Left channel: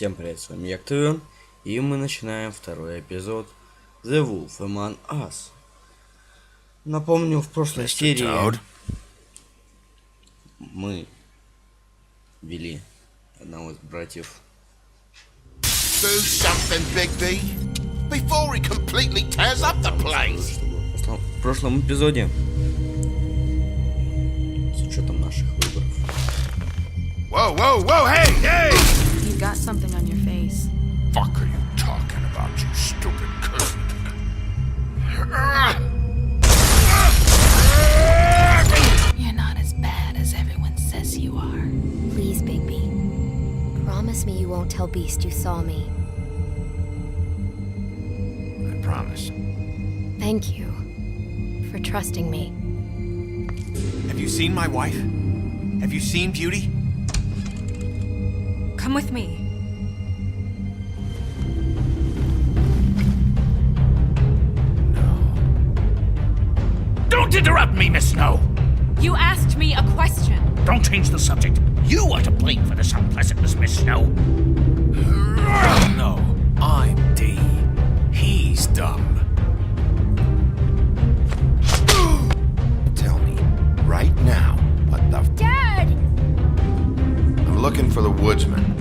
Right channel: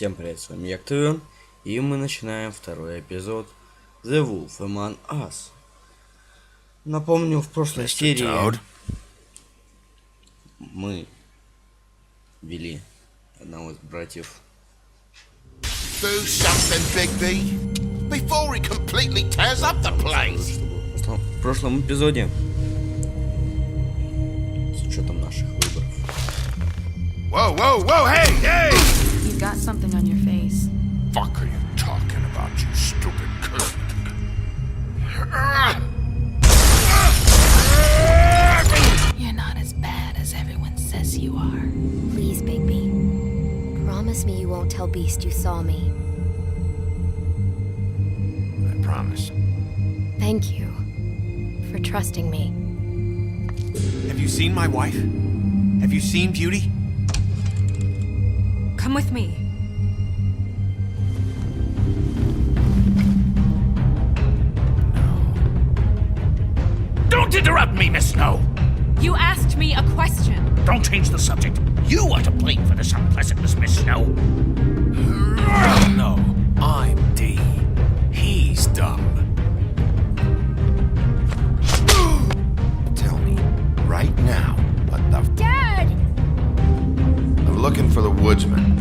Всем привет, с вами который, и мы начинаем второй эпизод The Wolf Among Us. Напомню, в прошлой серии мы вели одного из братьев. Do something, Bigby, before he completely tears up the place. В прошлом эпизоде, с учетом наших выборов. Whoa, whoa, whoa, hey, hey! You've got something on your face. Fuck are you talking about, you stupid cunt? You're not as bad as everyone says you are. Please, Bigby. Promise me you won't tell Beast you saw me. I promise. Thank you for trusting me. Have you seen my wife? Have you seen Beauty? Come with me. Don't interrupt me, Miss Snow! You asked me a question. Don't change the subject. You are to blame for this unpleasantness, Miss Snow. No, I'm D. He's dumb. Tell me, right now, what the Dad! I'm looking for the woodsman.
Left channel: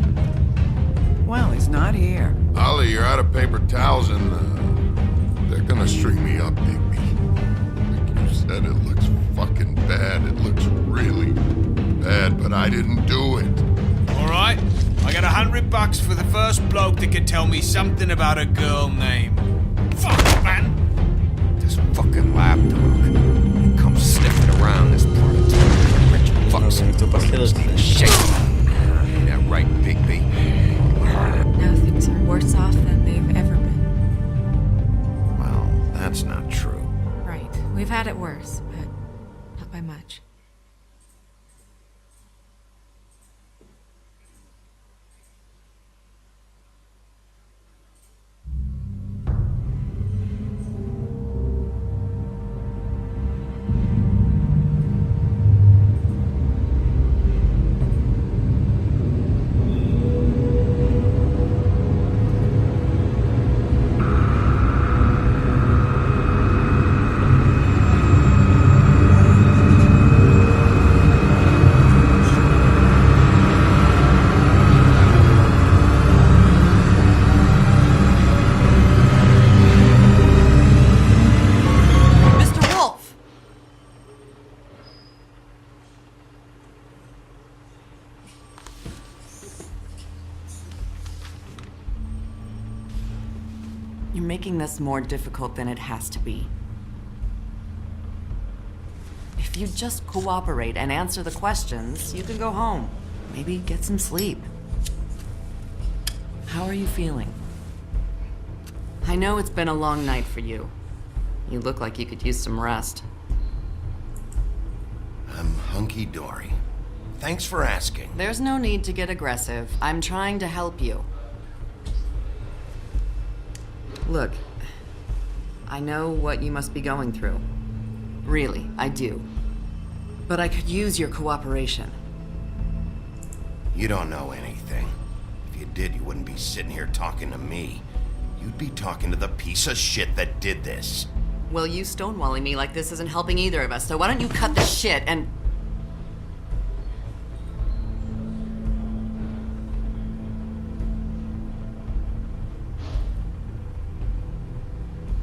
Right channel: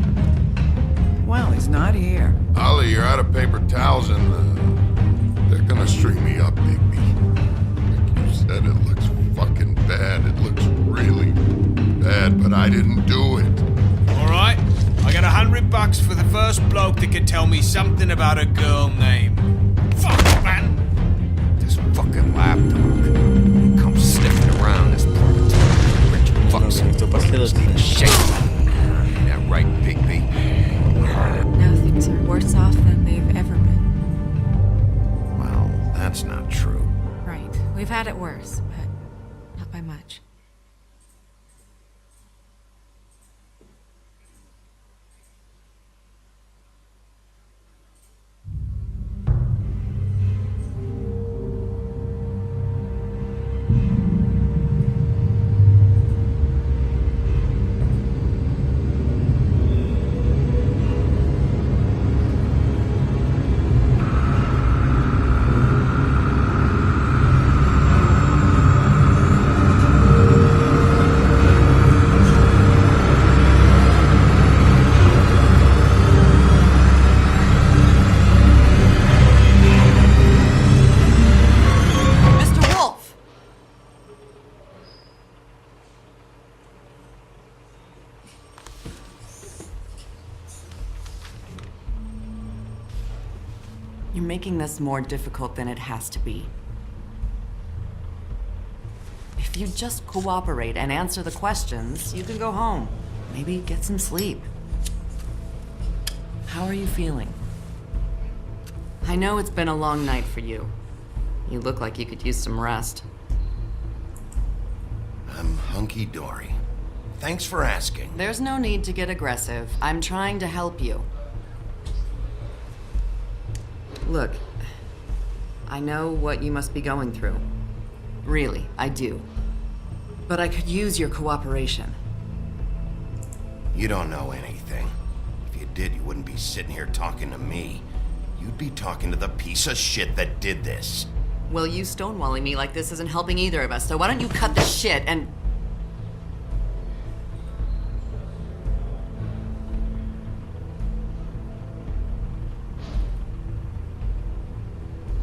Well, he's not here. Ollie, you're out of paper towels and they're gonna string me up, Bigby. Like you said, it looks fucking bad. It looks really bad, but I didn't do it. Alright, I got $100 for the first bloke that can tell me something about a girl named... Fuck, man! This fucking lapdog. He comes sniffing around this part of town. Rich fucks and shit. Yeah, right, Bigby. Now things are worse off than they've ever been. Well, that's not true. Right. We've had it worse, but not by much. You're making this more difficult than it has to be. If you just cooperate and answer the questions, you can go home. Maybe get some sleep. How are you feeling? I know it's been a long night for you. You look like you could use some rest. I'm hunky-dory. Thanks for asking. There's no need to get aggressive. I'm trying to help you. Look, I know what you must be going through. Really, I do. But I could use your cooperation. You don't know anything. If you did, you wouldn't be sitting here talking to me. You'd be talking to the piece of shit that did this. Well, you stonewalling me like this isn't helping either of us, so why don't you cut the shit and...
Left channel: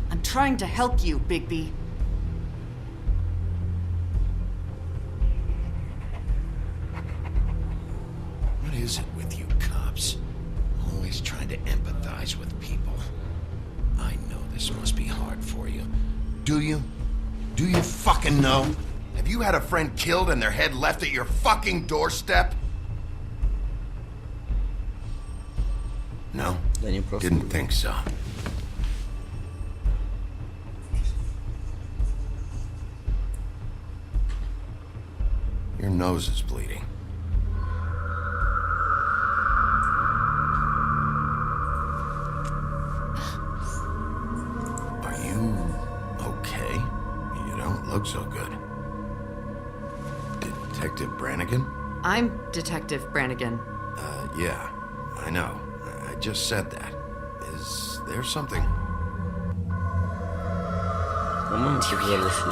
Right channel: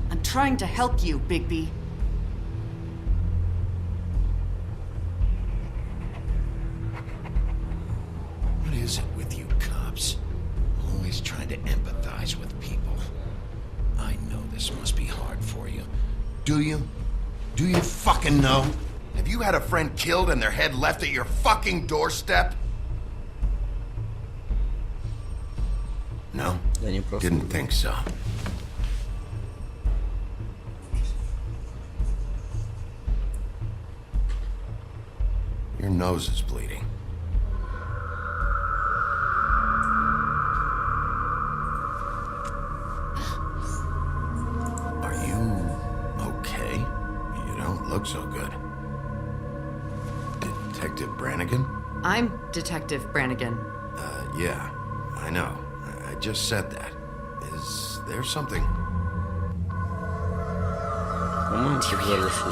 I'm trying to help you, Bigby. What is it with you cops? Always trying to empathize with people. I know this must be hard for you. Do you? Do you fucking know? Have you had a friend killed and their head left at your fucking doorstep? No? Didn't think so. Your nose is bleeding. Are you okay? You don't look so good. Detective Brannigan? I'm Detective Brannigan. Yeah, I know. just said that. Is there something? По-моему, сказали, что...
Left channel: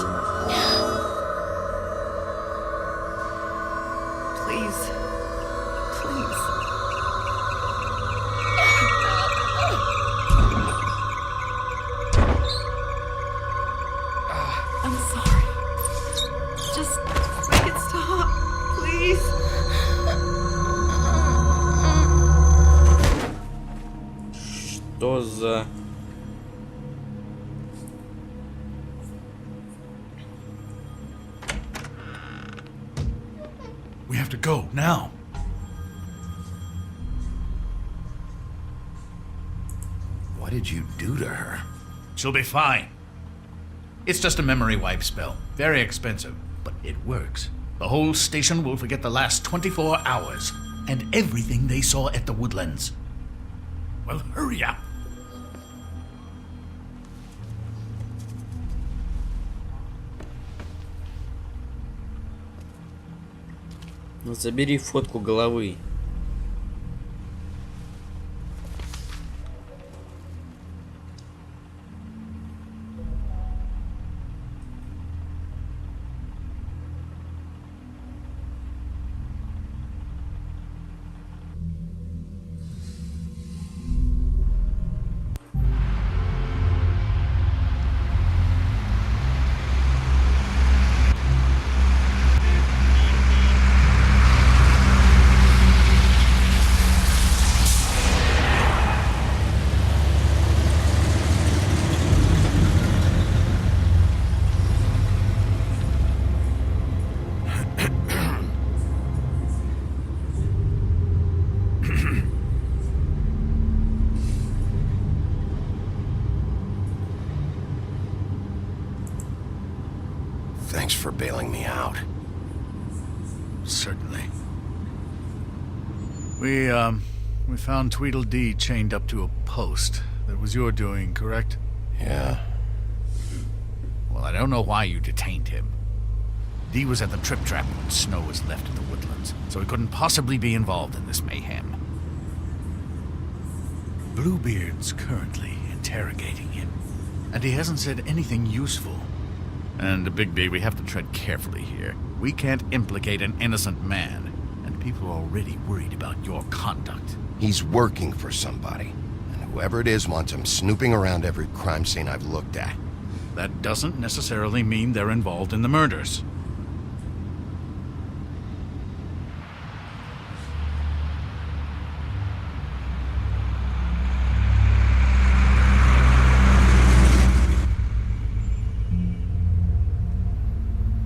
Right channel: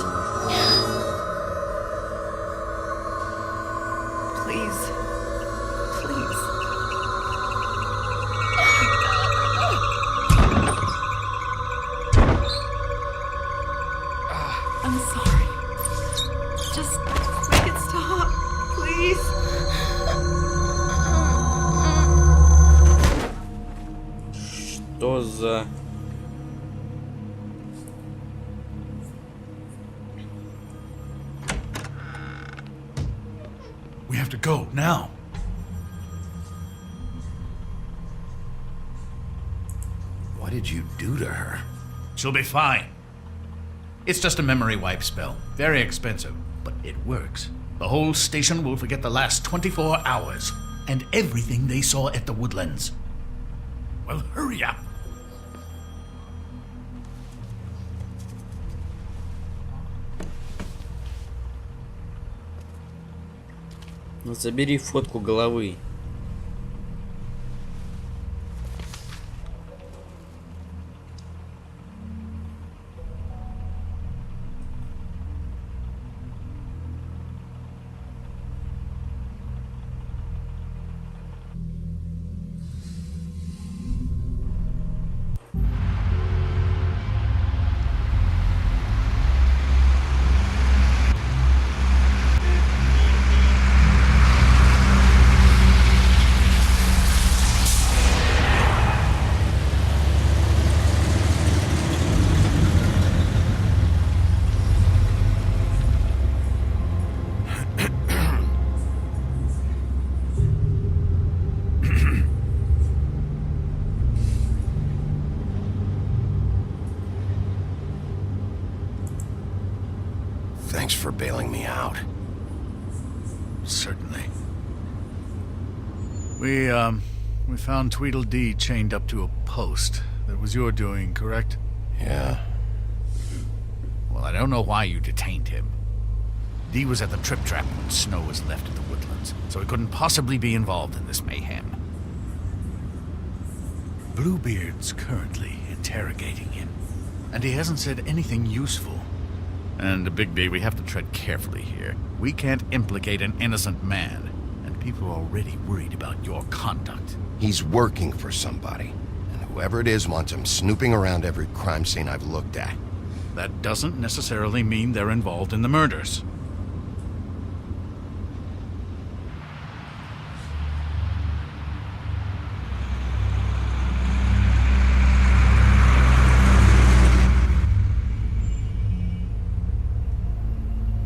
Please. Please. I'm sorry. Just make it stop, please. Что за... We have to go now. What did you do to her? She'll be fine. It's just a memory wipe spell. Very expensive, but it works. The whole station will forget the last 24 hours and everything they saw at the Woodlands. Well, hurry up. Забери фотку головы. Thanks for bailing me out. Certainly. We found Tweedledee chained up to a post. That was your doing, correct? Yeah. Well, I don't know why you detained him. Dee was at the Trip Trap when Snow was left at the Woodlands, so he couldn't possibly be involved in this mayhem. Bluebeard's currently interrogating him, and he hasn't said anything useful. And, Bigby, we have to tread carefully here. We can't implicate an innocent man, and people are already worried about your conduct. He's working for somebody, and whoever it is wants him snooping around every crime scene I've looked at. That doesn't necessarily mean they're involved in the murders.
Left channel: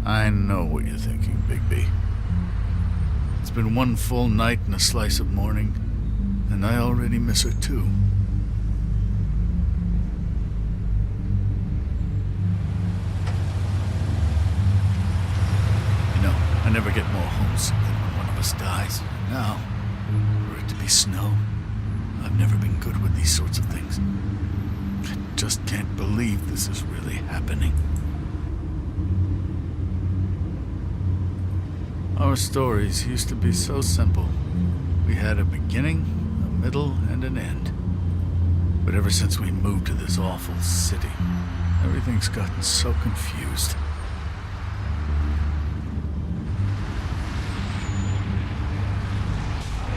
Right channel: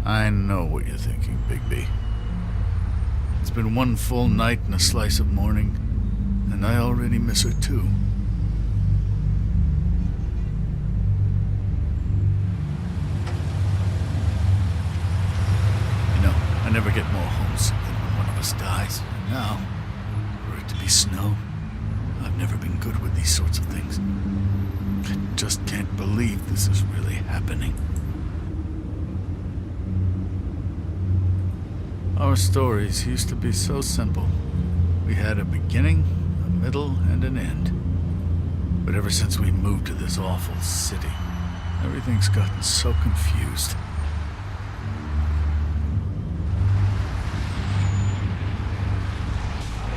I know what you're thinking, Bigby. It's been one full night and a slice of morning, and I already miss her too. You know, I never get more homesick than when one of us dies. And now, for it to be Snow, I've never been good with these sorts of things. I just can't believe this is really happening. Our stories used to be so simple. We had a beginning, a middle, and an end. But ever since we moved to this awful city, everything's gotten so confused.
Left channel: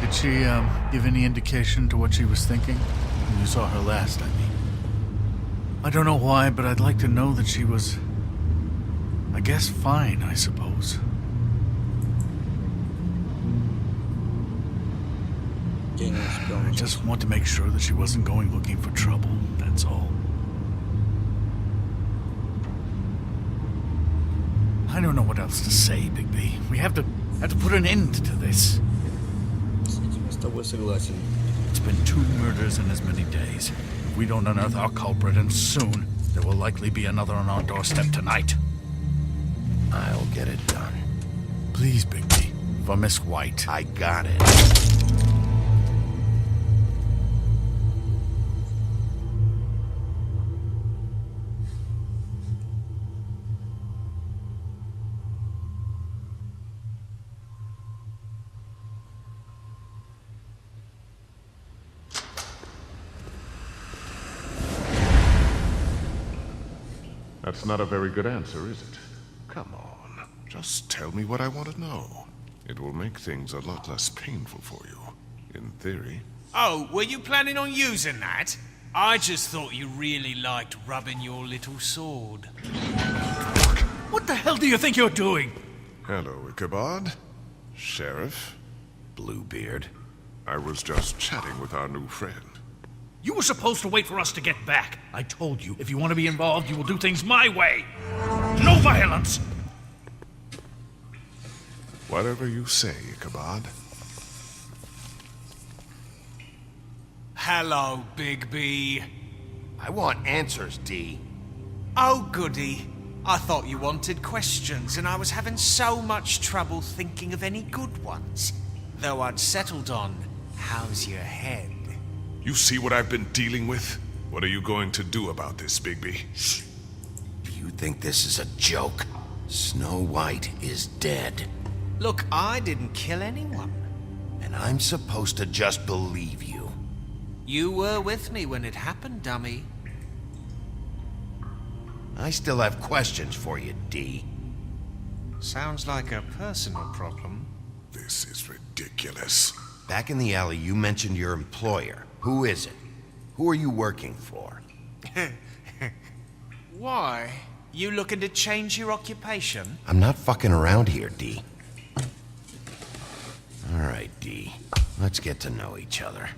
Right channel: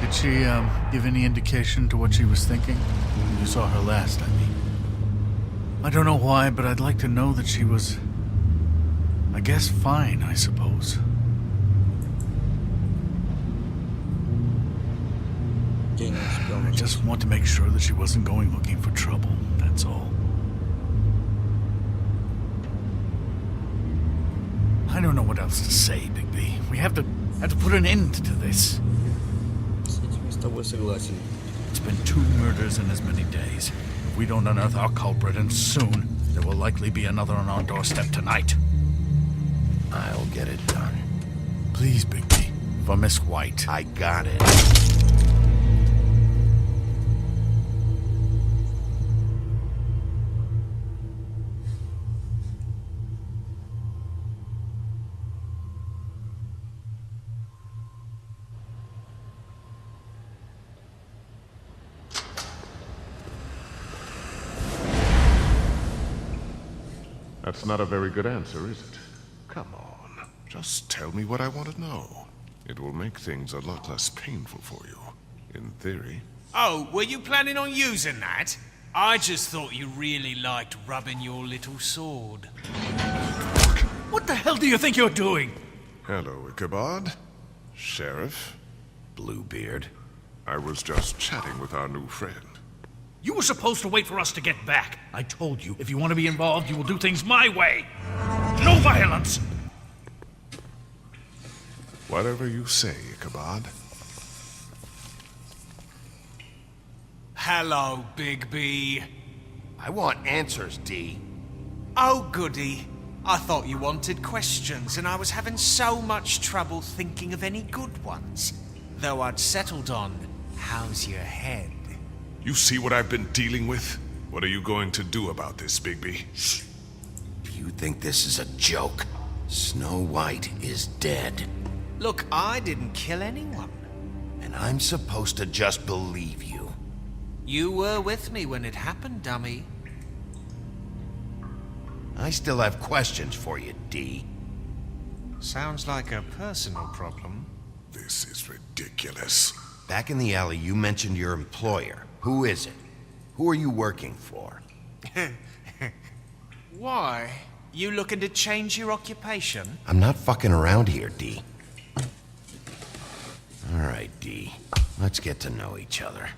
Did she, give any indication to what she was thinking? When you saw her last, I mean. I don't know why, but I'd like to know that she was... I guess fine, I suppose. I just want to make sure that she wasn't going looking for trouble, that's all. I don't know what else to say, Bigby. We have to put an end to this. С этим я с тобой согласен. It's been 2 murders in as many days. If we don't unearth our culprit, and soon, there will likely be another on our doorstep tonight. I'll get it done. Please, Bigby, for Miss White. I got it. That's not a very good answer, is it? Come on. Just tell me what I want to know. It will make things a lot less painful for you. In theory. Oh, were you planning on using that? I just thought you really liked rubbing your little sword. What the hell do you think you're doing? Hello, Ichabod. Sheriff. Bluebeard. I was just chatting with our new friend. You were supposed to wait for us to get back. I told you, if you want to be involved, you will do things my way. No violence! Whatever you say, Ichabod. Hello, Bigby. I want answers, D. Oh, goody. I thought you wanted questions, and I was having so much trouble thinking of any good ones. Though I'd settled on, how's your head? You see what I've been dealing with? What are you going to do about this, Bigby? Shh. Do you think this is a joke? Snow White is dead. Look, I didn't kill anyone. And I'm supposed to just believe you. You were with me when it happened, dummy. I still have questions for you, D. Sounds like a personal problem. This is ridiculous. Back in the alley, you mentioned your employer. Who is it? Who are you working for? Why? You looking to change your occupation? I'm not fucking around here, D. All right, D. Let's get to know each other.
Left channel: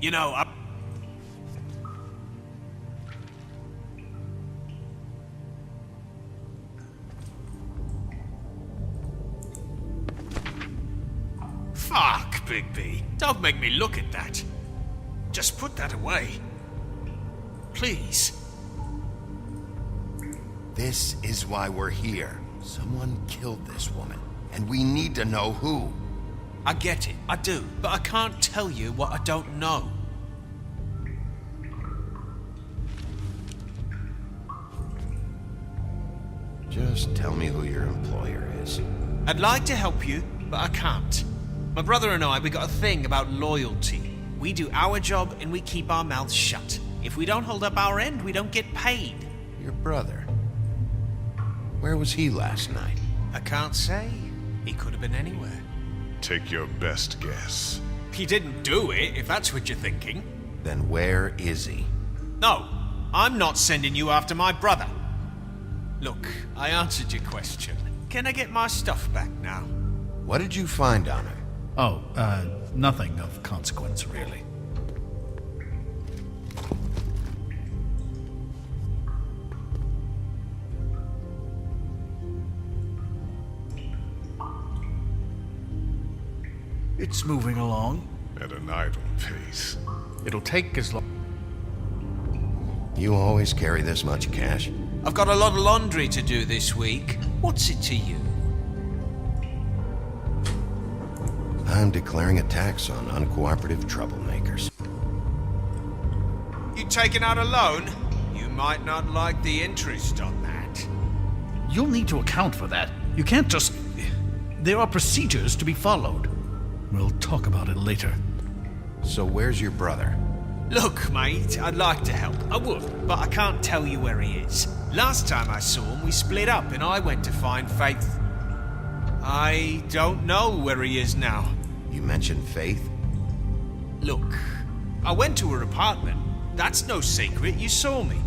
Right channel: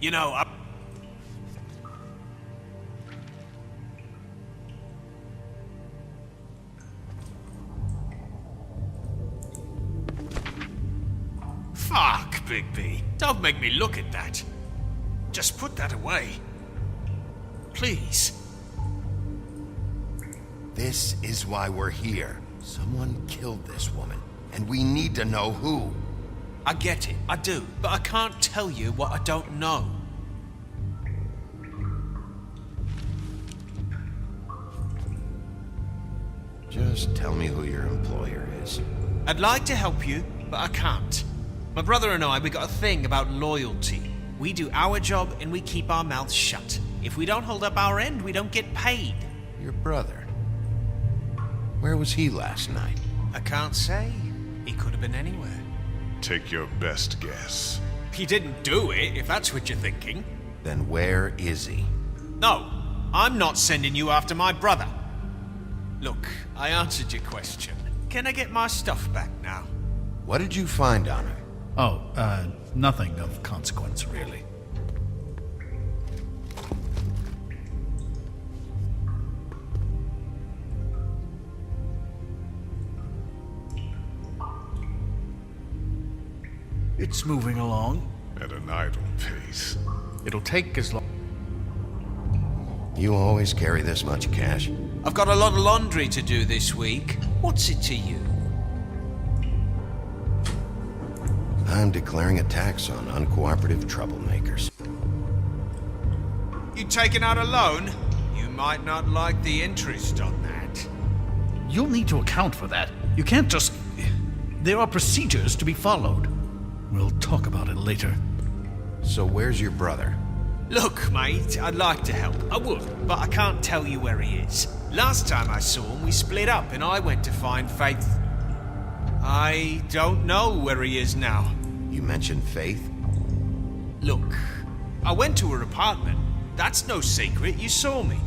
You know, Fuck, Bigby. Don't make me look at that. Just put that away. Please. This is why we're here. Someone killed this woman, and we need to know who. I get it, I do, but I can't tell you what I don't know. Just tell me who your employer is. I'd like to help you, but I can't. My brother and I, we got a thing about loyalty. We do our job and we keep our mouths shut. If we don't hold up our end, we don't get paid. Your brother? Where was he last night? I can't say. He could have been anywhere. Take your best guess. He didn't do it, if that's what you're thinking. Then where is he? No, I'm not sending you after my brother. Look, I answered your question. Can I get my stuff back now? What did you find on him? Oh, nothing of consequence, really. It's moving along. At an idle pace. It'll take as long. You always carry this much cash? I've got a lot of laundry to do this week. What's it to you? I'm declaring a tax on uncooperative troublemakers. You taking out a loan? You might not like the interest on that. You'll need to account for that. You can't just... There are procedures to be followed. We'll talk about it later. So where's your brother? Look, mate, I'd like to help. I would, but I can't tell you where he is. Last time I saw him, we split up and I went to find Faith. I don't know where he is now. You mentioned Faith? Look, I went to her apartment. That's no secret, you saw me.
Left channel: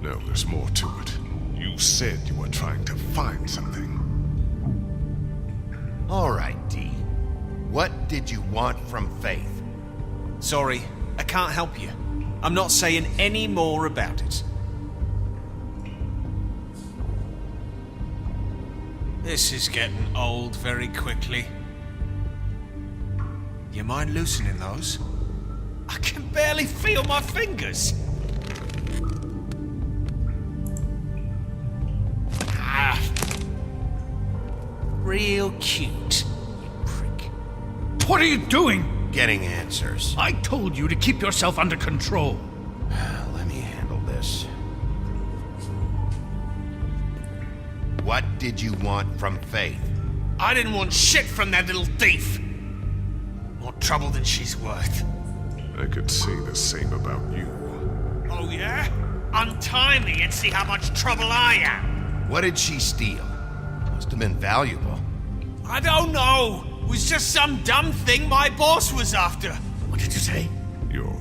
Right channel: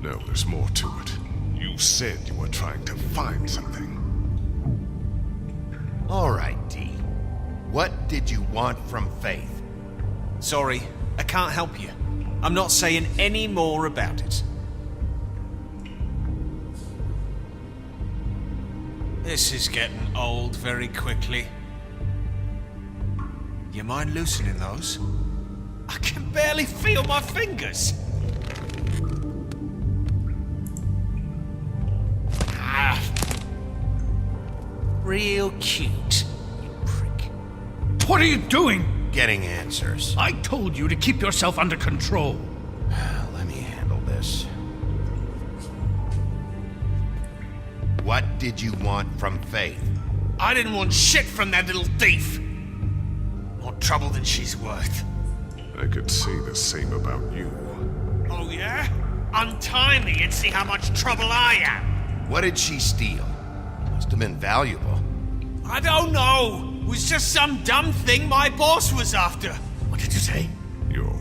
No, there's more to it. You said you were trying to find something. All right, D. What did you want from Faith? Sorry, I can't help you. I'm not saying any more about it. This is getting old very quickly. You mind loosening those? I can barely feel my fingers. Ah. Real cute, you prick. What are you doing? Getting answers. I told you to keep yourself under control. Let me handle this. What did you want from Faith? I didn't want shit from that little thief. More trouble than she's worth. I could say the same about you. Oh, yeah? Untie me and see how much trouble I am. What did she steal? Must have been valuable. I don't know. It was just some dumb thing my boss was after. What did you say? Your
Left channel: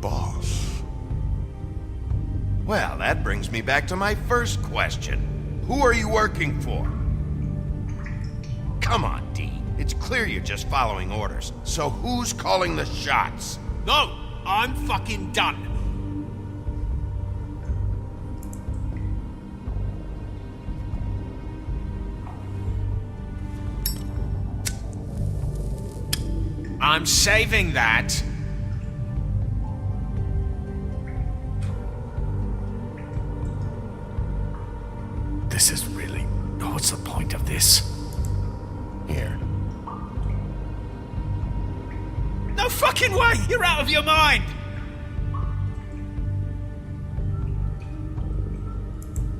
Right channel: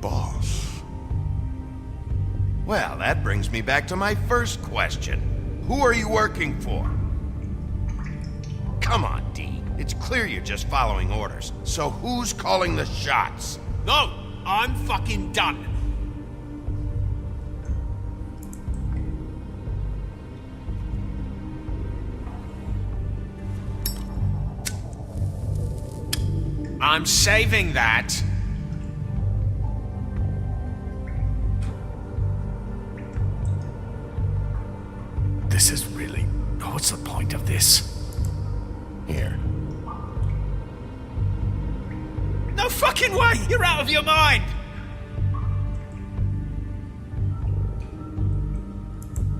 boss. Well, that brings me back to my first question. Who are you working for? Come on, D. It's clear you're just following orders. So who's calling the shots? No, I'm fucking done. I'm saving that. This is really... What's the point of this? Here. No fucking way! You're out of your mind!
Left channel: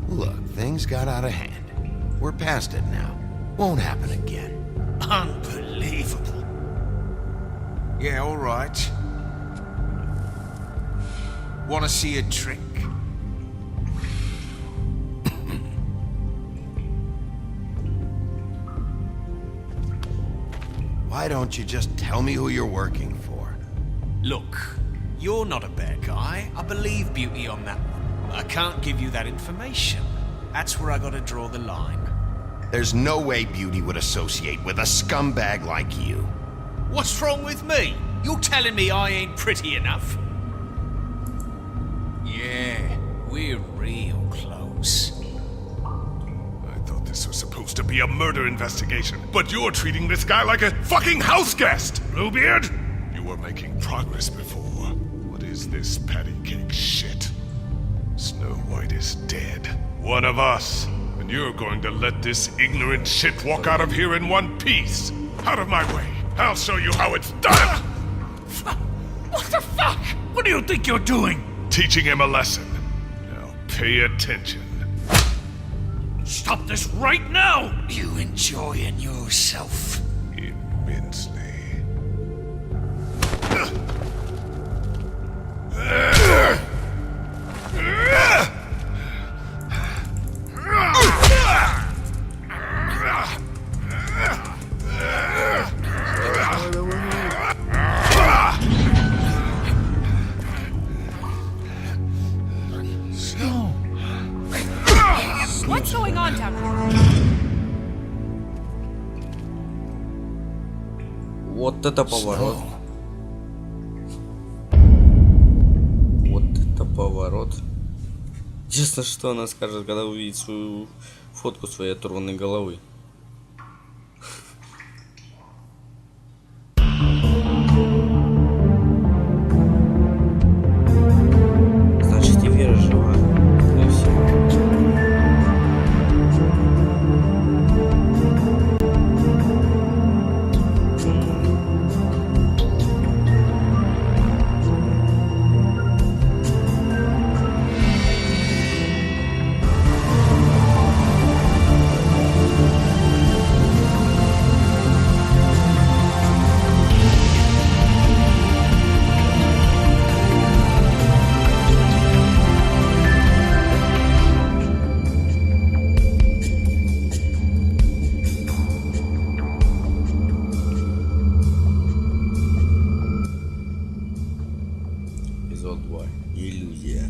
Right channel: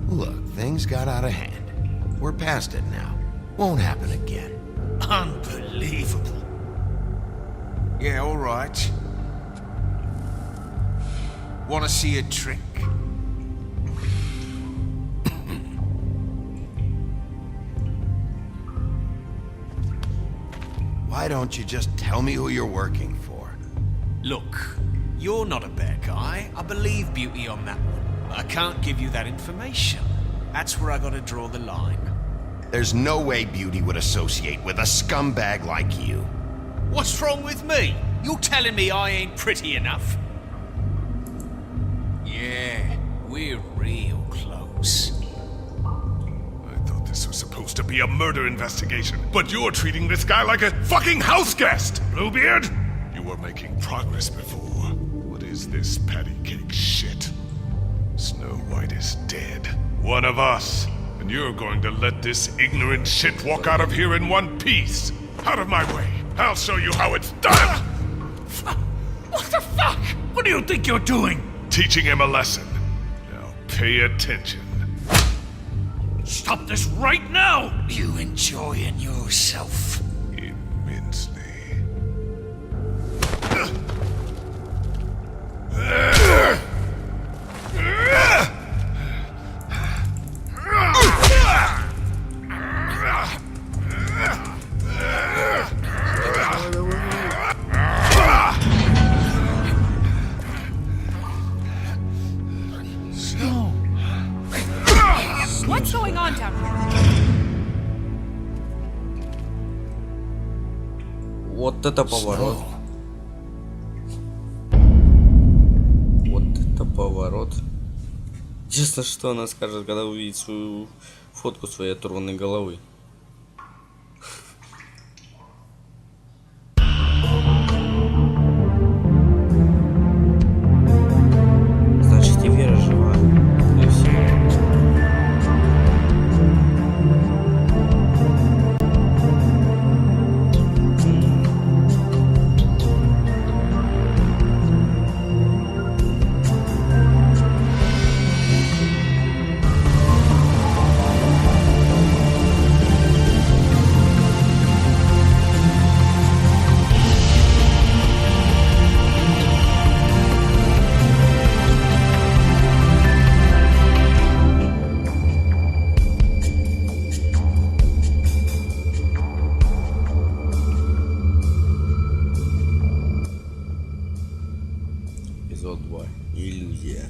Look, things got out of hand. We're past it now. Won't happen again. Unbelievable. Yeah, all right. Want to see a trick? Why don't you just tell me who you're working for? Look, you're not a bad guy. I believe Beauty on that one. But I can't give you that information. That's where I gotta draw the line. There's no way Beauty would associate with a scumbag like you. What's wrong with me? You're telling me I ain't pretty enough? Yeah, we're real close. I thought this was supposed to be a murder investigation, but you're treating this guy like a fucking house guest, Bluebeard! You were making progress before. What is this patty cake shit? Snow White is dead. One of us. And you're going to let this ignorant shit walk out of here in one piece. Out of my way. I'll show you how it's done! What the fuck? What do you think you're doing? Teaching him a lesson. Now pay attention. Stop this right now! You enjoying yourself? Immensely. What's going on down here? Вот это поворот. Вот это поворот. Честно, что она скажет, когда увидит свою фотку своей оторванной головы. Значит, и Вера жива. И все. Эпизод 2. Иллюзия.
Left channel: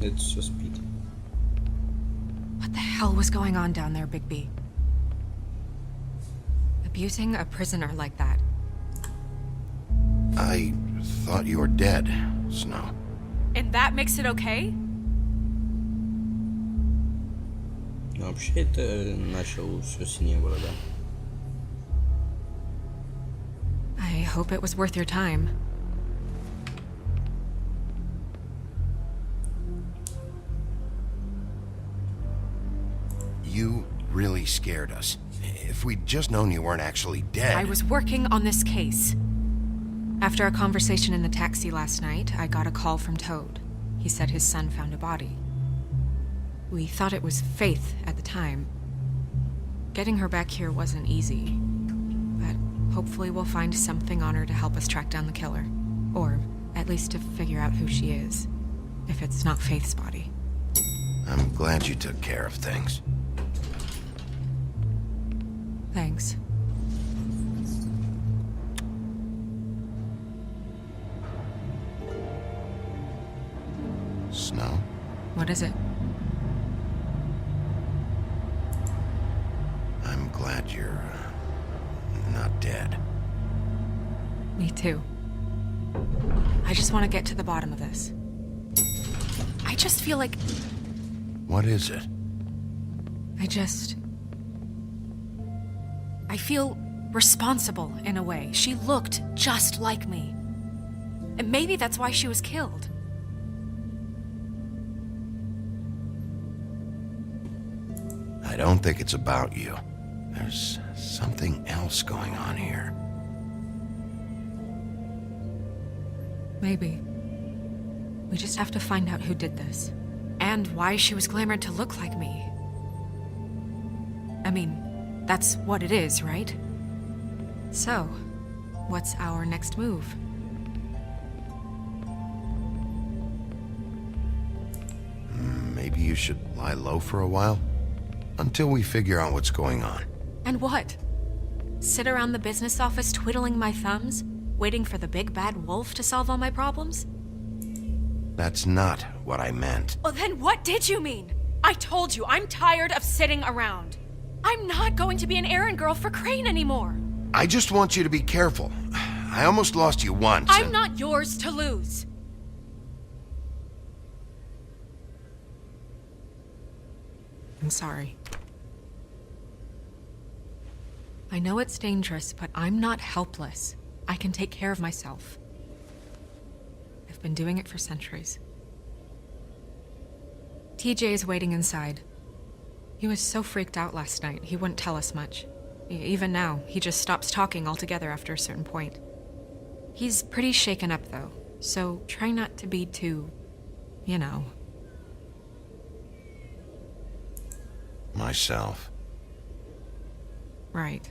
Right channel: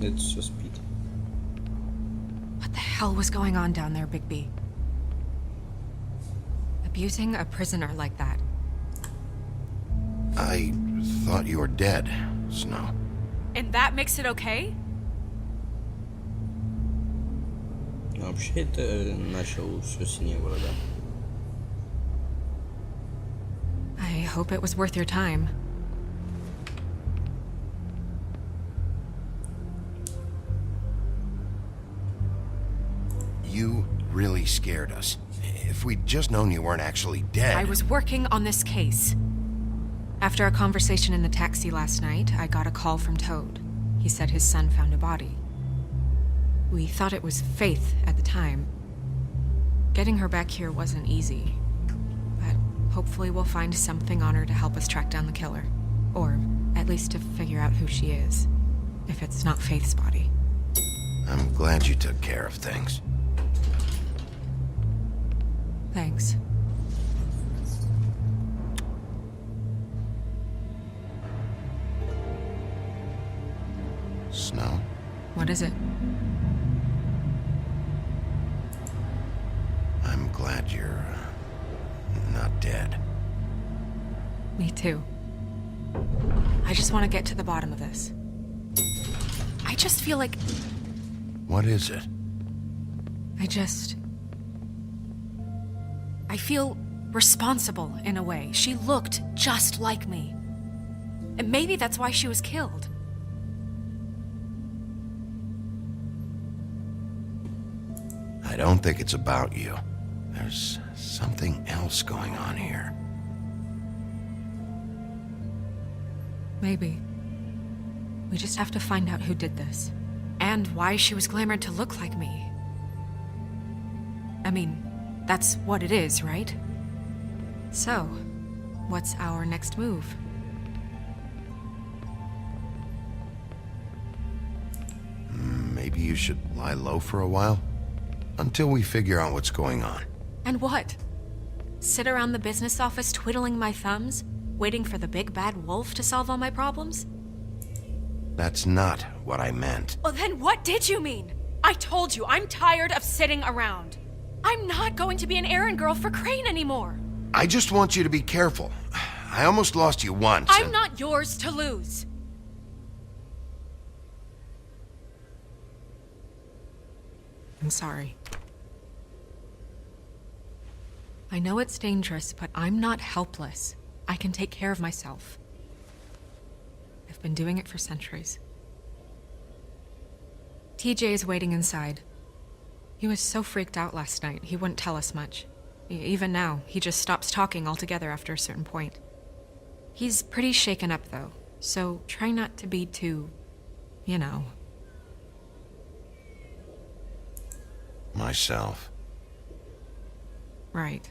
Это все спит. What the hell was going on down there, Bigby? Abusing a prisoner like that. I thought you were dead, Snow. And that makes it okay? Но вообще это начал все синее города. I hope it was worth your time. You really scared us. If we'd just known you weren't actually dead... I was working on this case. After a conversation in the taxi last night, I got a call from Toad. he said his son found a body. We thought it was Faith at the time. Getting her back here wasn't easy, but hopefully we'll find something on her to help us track down the killer. Or at least to figure out who she is, if it's not Faith's body. I'm glad you took care of things. Thanks. Snow? What is it? I'm glad you're not dead. Me too. I just want to get to the bottom of this. I just feel like... What is it? I feel responsible in a way. She looked just like me. And maybe that's why she was killed. I don't think it's about you. There's something else going on here. Maybe. We just have to find out who did this. And why she was glamored to look like me. I mean, that's what it is, right? So, what's our next move? Maybe you should lie low for a while? Until we figure out what's going on. And what? Sit around the business office twiddling my thumbs, waiting for the big bad wolf to solve all my problems? That's not what I meant. Well, then what did you mean? I told you, I'm tired of sitting around. I'm not going to be an errand girl for Crane anymore. I just want you to be careful. I almost lost you once. I'm not yours to lose. I'm sorry. I know it's dangerous, but I'm not helpless. I can take care of myself. I've been doing it for centuries. TJ is waiting inside. He was so freaked out last night, he wouldn't tell us much. Even now, he just stops talking altogether after a certain point. He's pretty shaken up, though, so try not to be too, you know. Myself. Right.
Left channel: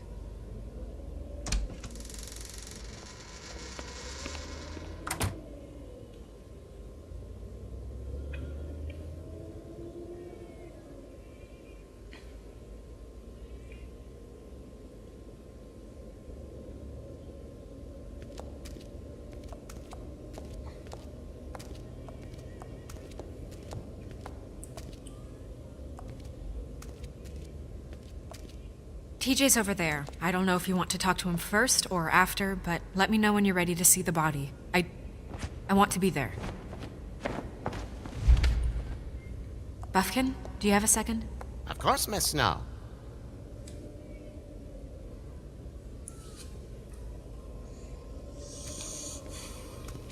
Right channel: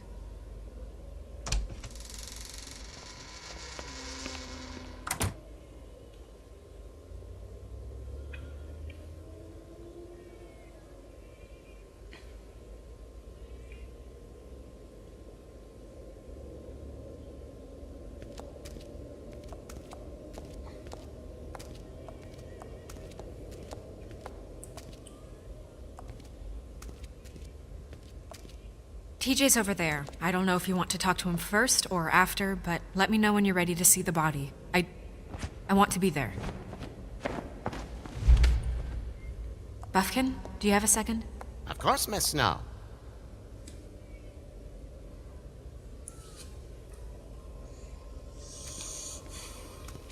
TJ's over there. I don't know if you want to talk to him first or after, but let me know when you're ready to see the body. I want to be there. Buffkin, do you have a second? Of course, Miss Snow.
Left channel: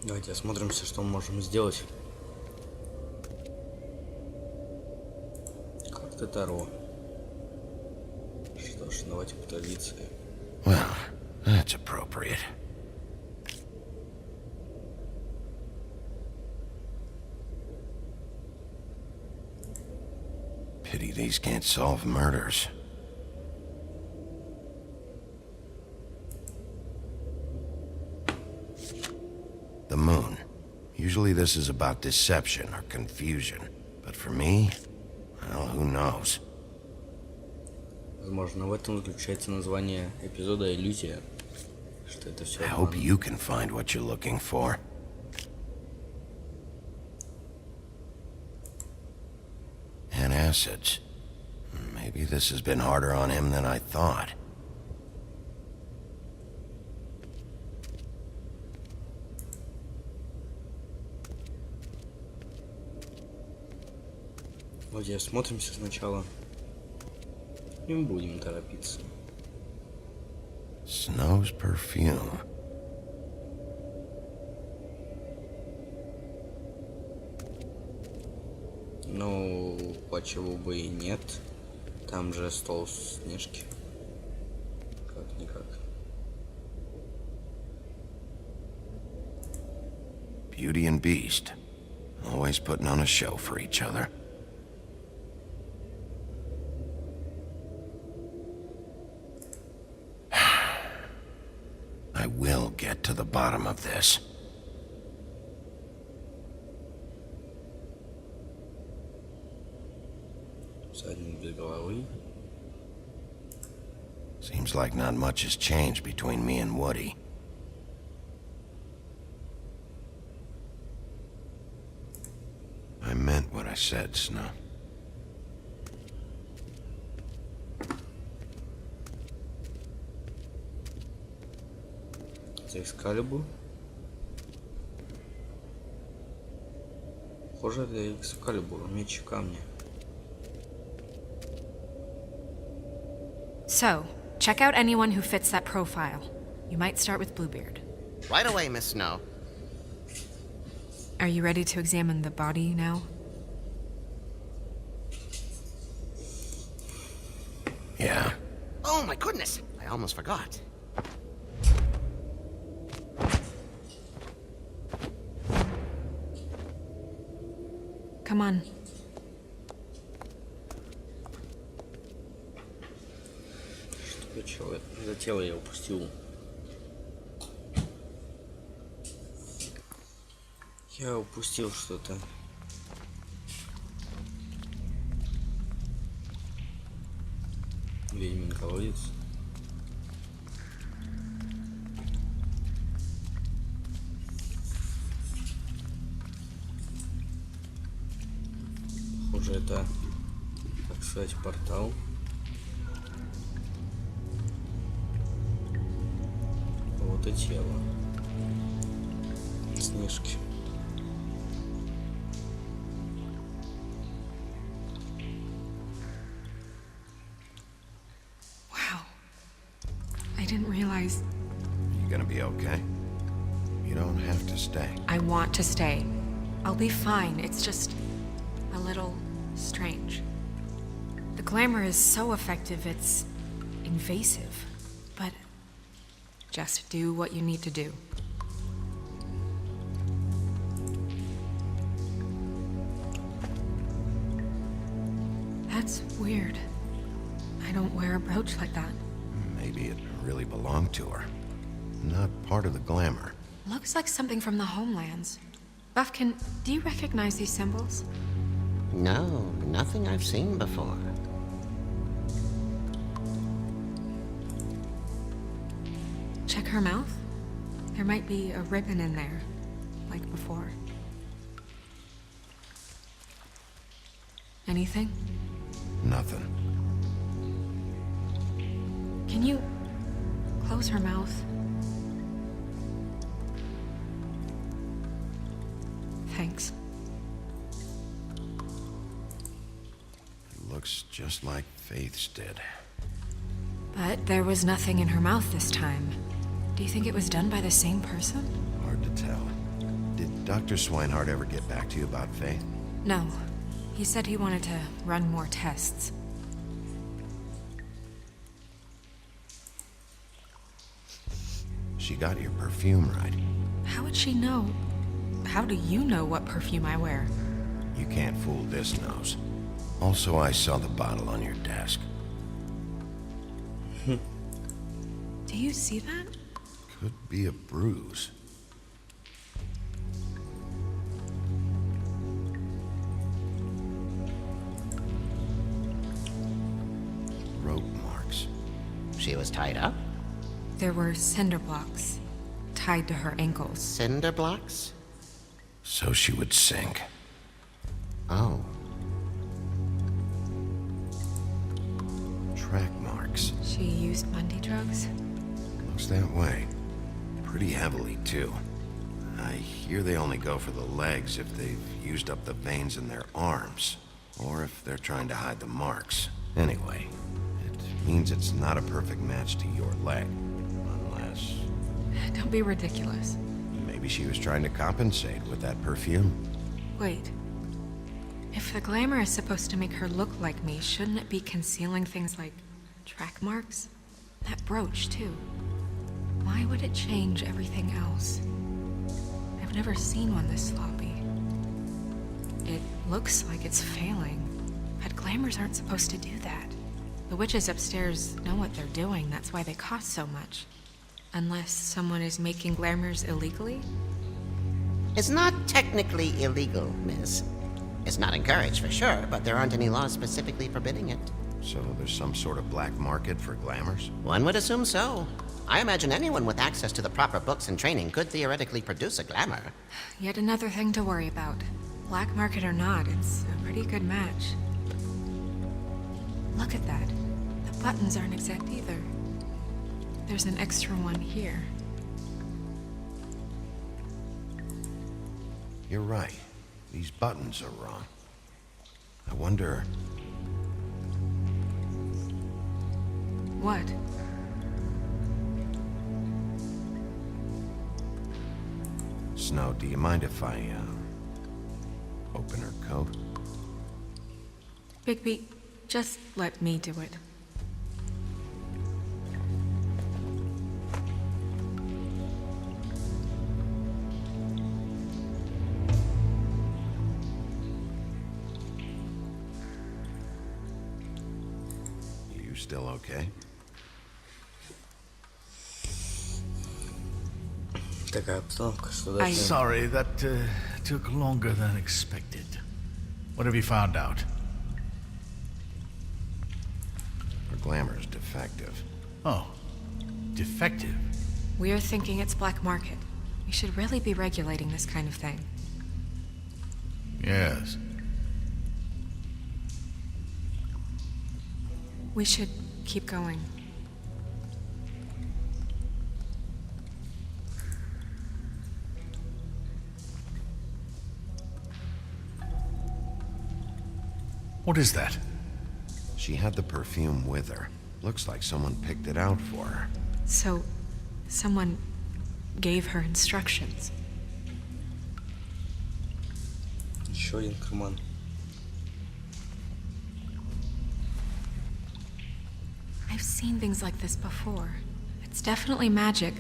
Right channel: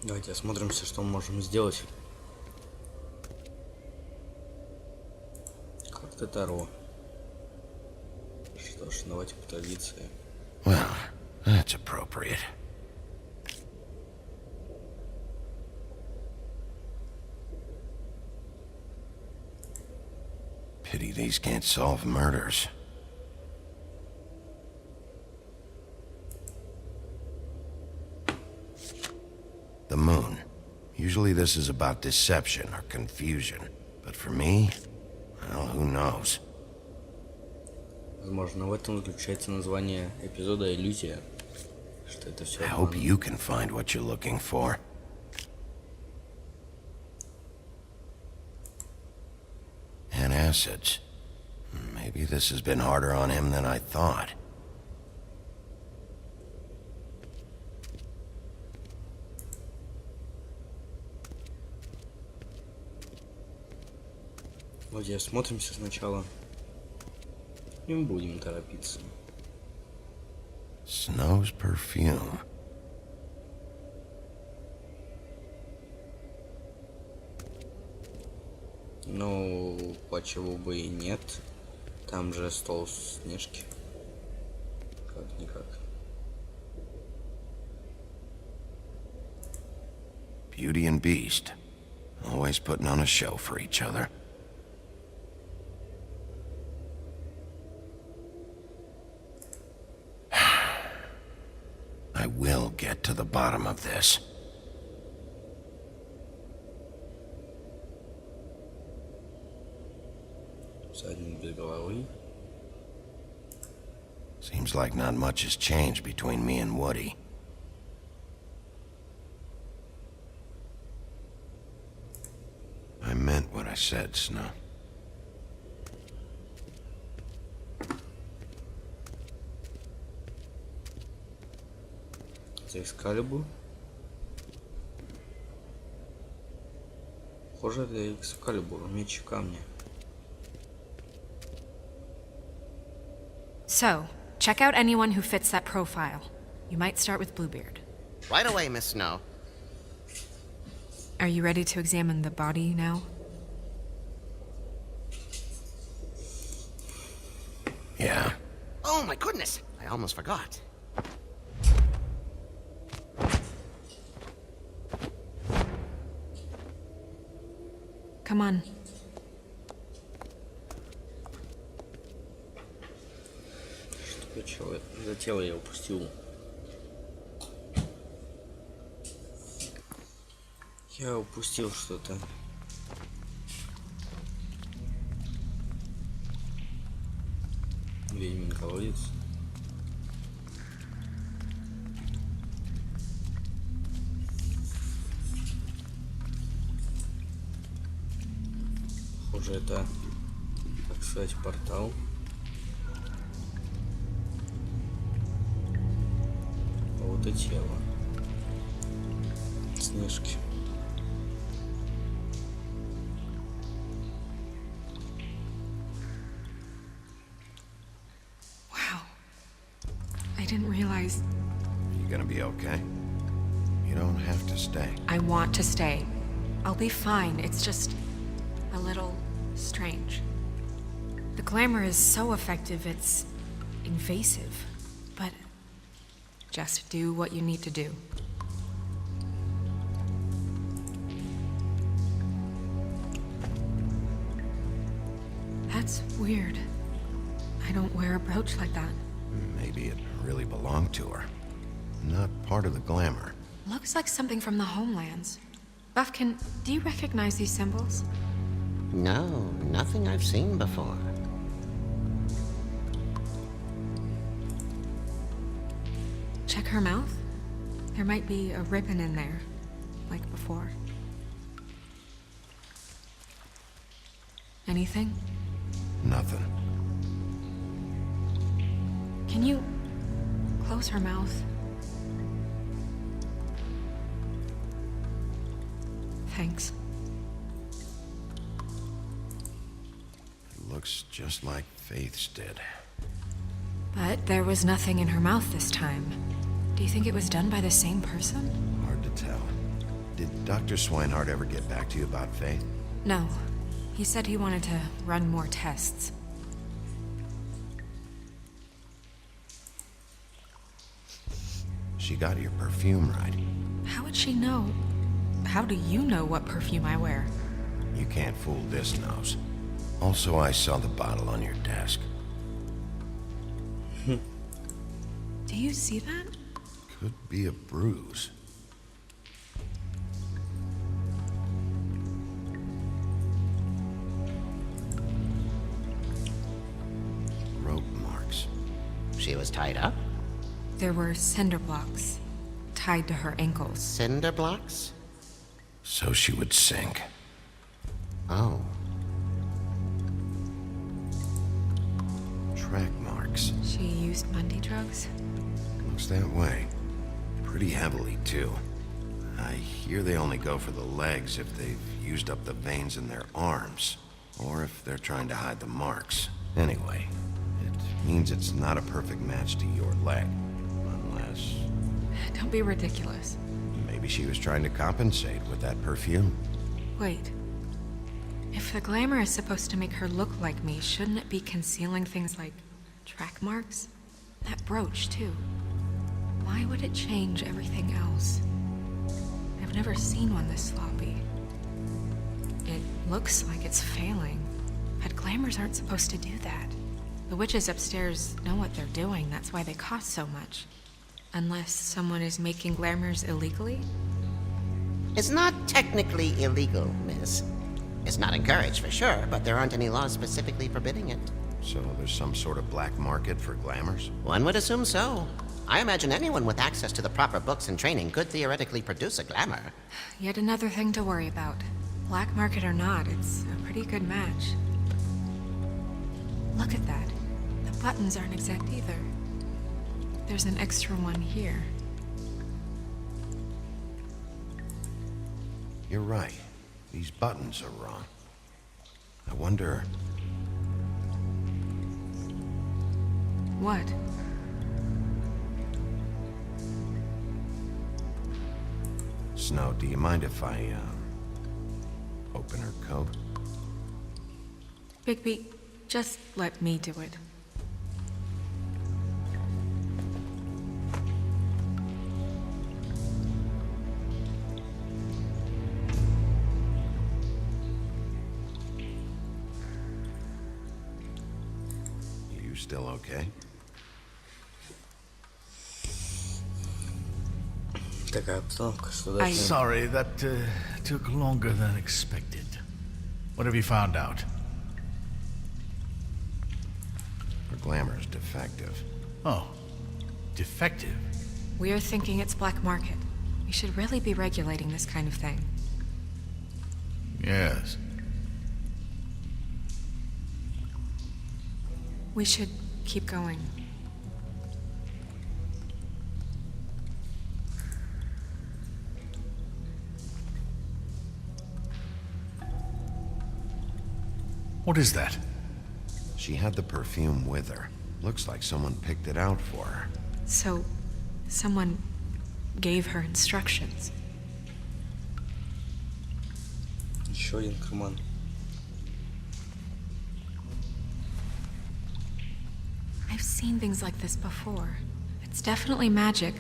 Давайте осмотримся, что мы можем сделать. Карта Таро. Что ж, давайте по традиции. Well, that's appropriate. Pity these can't solve murders. The moon. Usually this is about deception or confusion. But for me, well, who knows? Возможно, в этом заключается название эпизода «Иллюзия». Что это все I hope you can find what you're looking for. Acids. Maybe this has been harder on him than I thought. Вроде осмотримся сначала. Не будем торопиться. Snow's perfume. Ну, почему бы и нет? Там же стол Снежки. Как-никак. Beauty and Beast. Always putting on a show for each other. I will get to the bottom of this. Всадник без головы. Seems like not much has changed between me and Woody. I meant what I said, Snow. Это Экскалибур. Похоже, это Экскалибур, меч камня. So, check out anyone who fits that profile. You might start with Bluebeard. Right away, Miss Snow. Are you ready to examine the body now? Yeah. Oh my goodness! I almost forgot. Come on. Что за тело я упустил? Я упустил что-то. Ведьмин колодец. Похоже, это, так сказать, портал. Вот и тело. Снежки. Wow. I didn't realize. Are you gonna be okay? You don't have to stay. I want to stay. I'll be fine. It's just a little strange. The glamour is so effective, it's invasive. But just do what you need to do. That's weird. I don't wear a brooch like that. Maybe it really belonged to her. Not part of the glamour. Looks like something from the homelands. Buffkin, do you recognize these symbols? No, nothing I've seen before. Check her mouth. There might be a ribbon in there, like before. Anything? Nothing. Can you close her mouth? Thanks. It looks just like Faith's did. But there was nothing in her mouth this time. Do you think it was done by the same person? Hard to tell. Did Dr. Swinehart ever get back to you about Faith? No. He said he wanted to run more tests. She got your perfume right. How would she know? How do you know what perfume I wear? You can't fool this nose. Also, I saw the bottle on your desk. Do you see that? Could be a bruise. Rope marks. She was tied up? There were cinder blocks tied to her ankles. Cinder blocks? So she would sink. Oh. Track marks. She used Mundy drugs? Looks that way. Pretty heavily, too. I hear they only go for the legs if they've used up the veins in their arms, or if they're trying to hide the marks. Anyway, it means it's not a perfect match to your leg. Unless... Don't be ridiculous. maybe she was trying to compensate with that perfume. Wait. If the glamour is supposed to make her look like me, shouldn't it be concealing things like track marks? That brooch, too. Why would it change everything else? I've never seen one this sloppy. It looks like it's failing. But glamours aren't supposed to do that. The witches upstairs know what they're doing, that's why they cost so much. Unless someone is making glamours illegally? It's not technically illegal, miss. It's not encouraged for sure, but there aren't any laws specifically forbidding it. So there's some sort of black market for glamours? One would assume so. I imagine anyone with access to the proper books and training could theoretically produce a glamour. Yet another thing to worry about. Black market or not, it's a pretty good match. Look at that. The buttons aren't exact either. There's an extra one here. You're right. These buttons are wrong. I wonder... What? Snow, do you mind if I, open her coat? Bigby, just let me do it. You still okay? Такая обстановка, что дальше? Sorry, that took longer than expected. What have you found out? Her glamour's defective. Oh, defective. We're thinking it's black market. We should really be regulating this kind of thing. Yes. We should keep going. What is that? She had the perfume with her. Looks like someone picked it out for her. So, someone gave her instructions. Еще один карман. I've seen things like this before. It's definitely magic,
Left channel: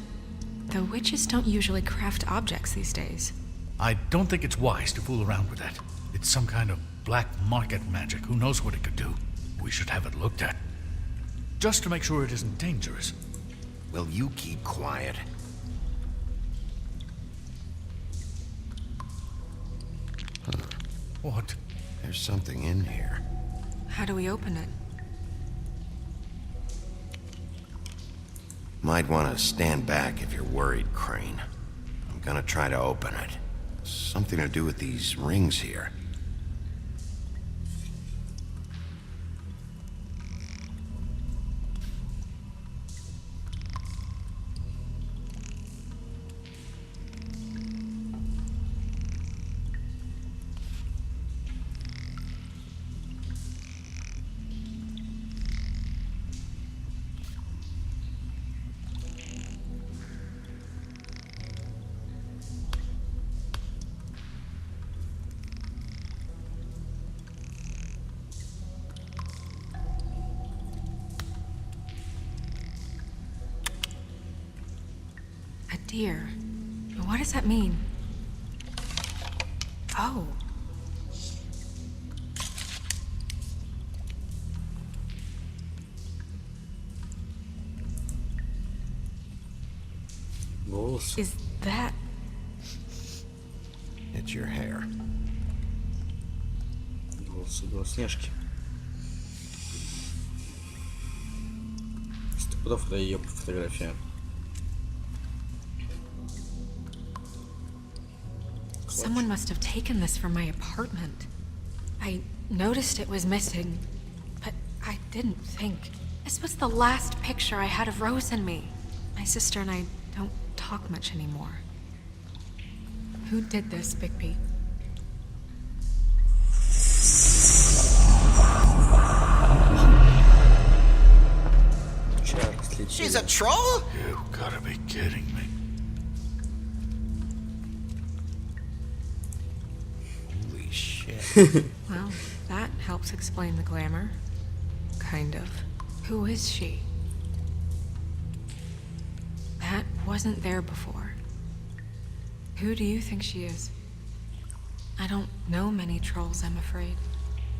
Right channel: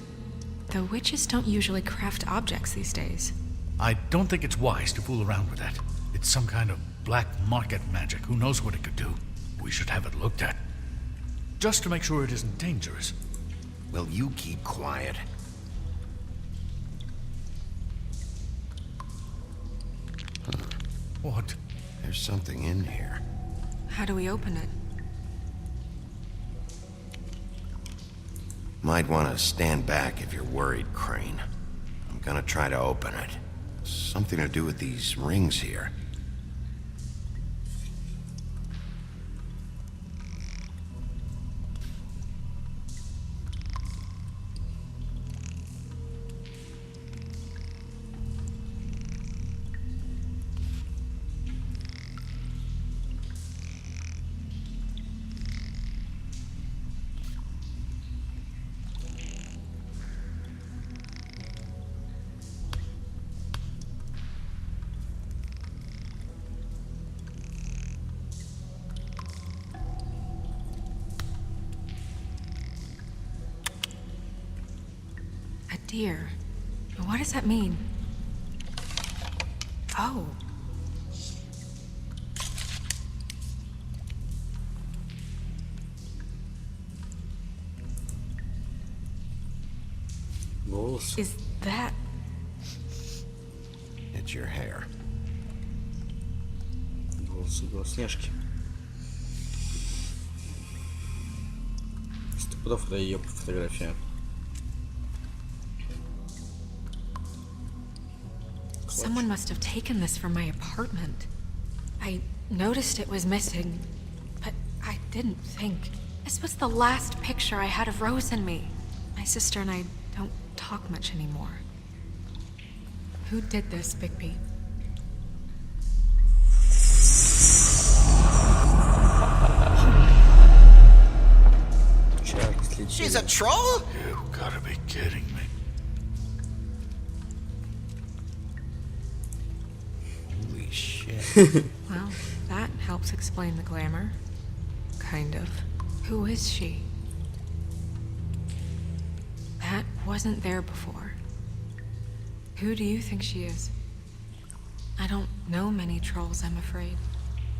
though witches don't usually craft objects these days. I don't think it's wise to fool around with that. It's some kind of black market magic. Who knows what it could do? We should have it looked at. Just to make sure it isn't dangerous. Will you keep quiet? Huh. What? There's something in here. How do we open it? Might want to stand back if you're worried, Crane. I'm gonna try to open it. Something to do with these rings here. A deer. What does that mean? Oh. Волосы. Is that... It's your hair. Волосы Белоснежки. Стопудов это ее фотография. Someone must have taken this from my apartment. I noticed it was missing, but I didn't think. This was the last picture I had of Rose and me. My sister and I don't talk much anymore. Who did this, Bigby? She's a troll? You gotta be kidding me. Holy shit. Well, that helps explain the glamour. Kind of. Who is she? That wasn't there before. Who do you think she is? I don't know many trolls, I'm afraid.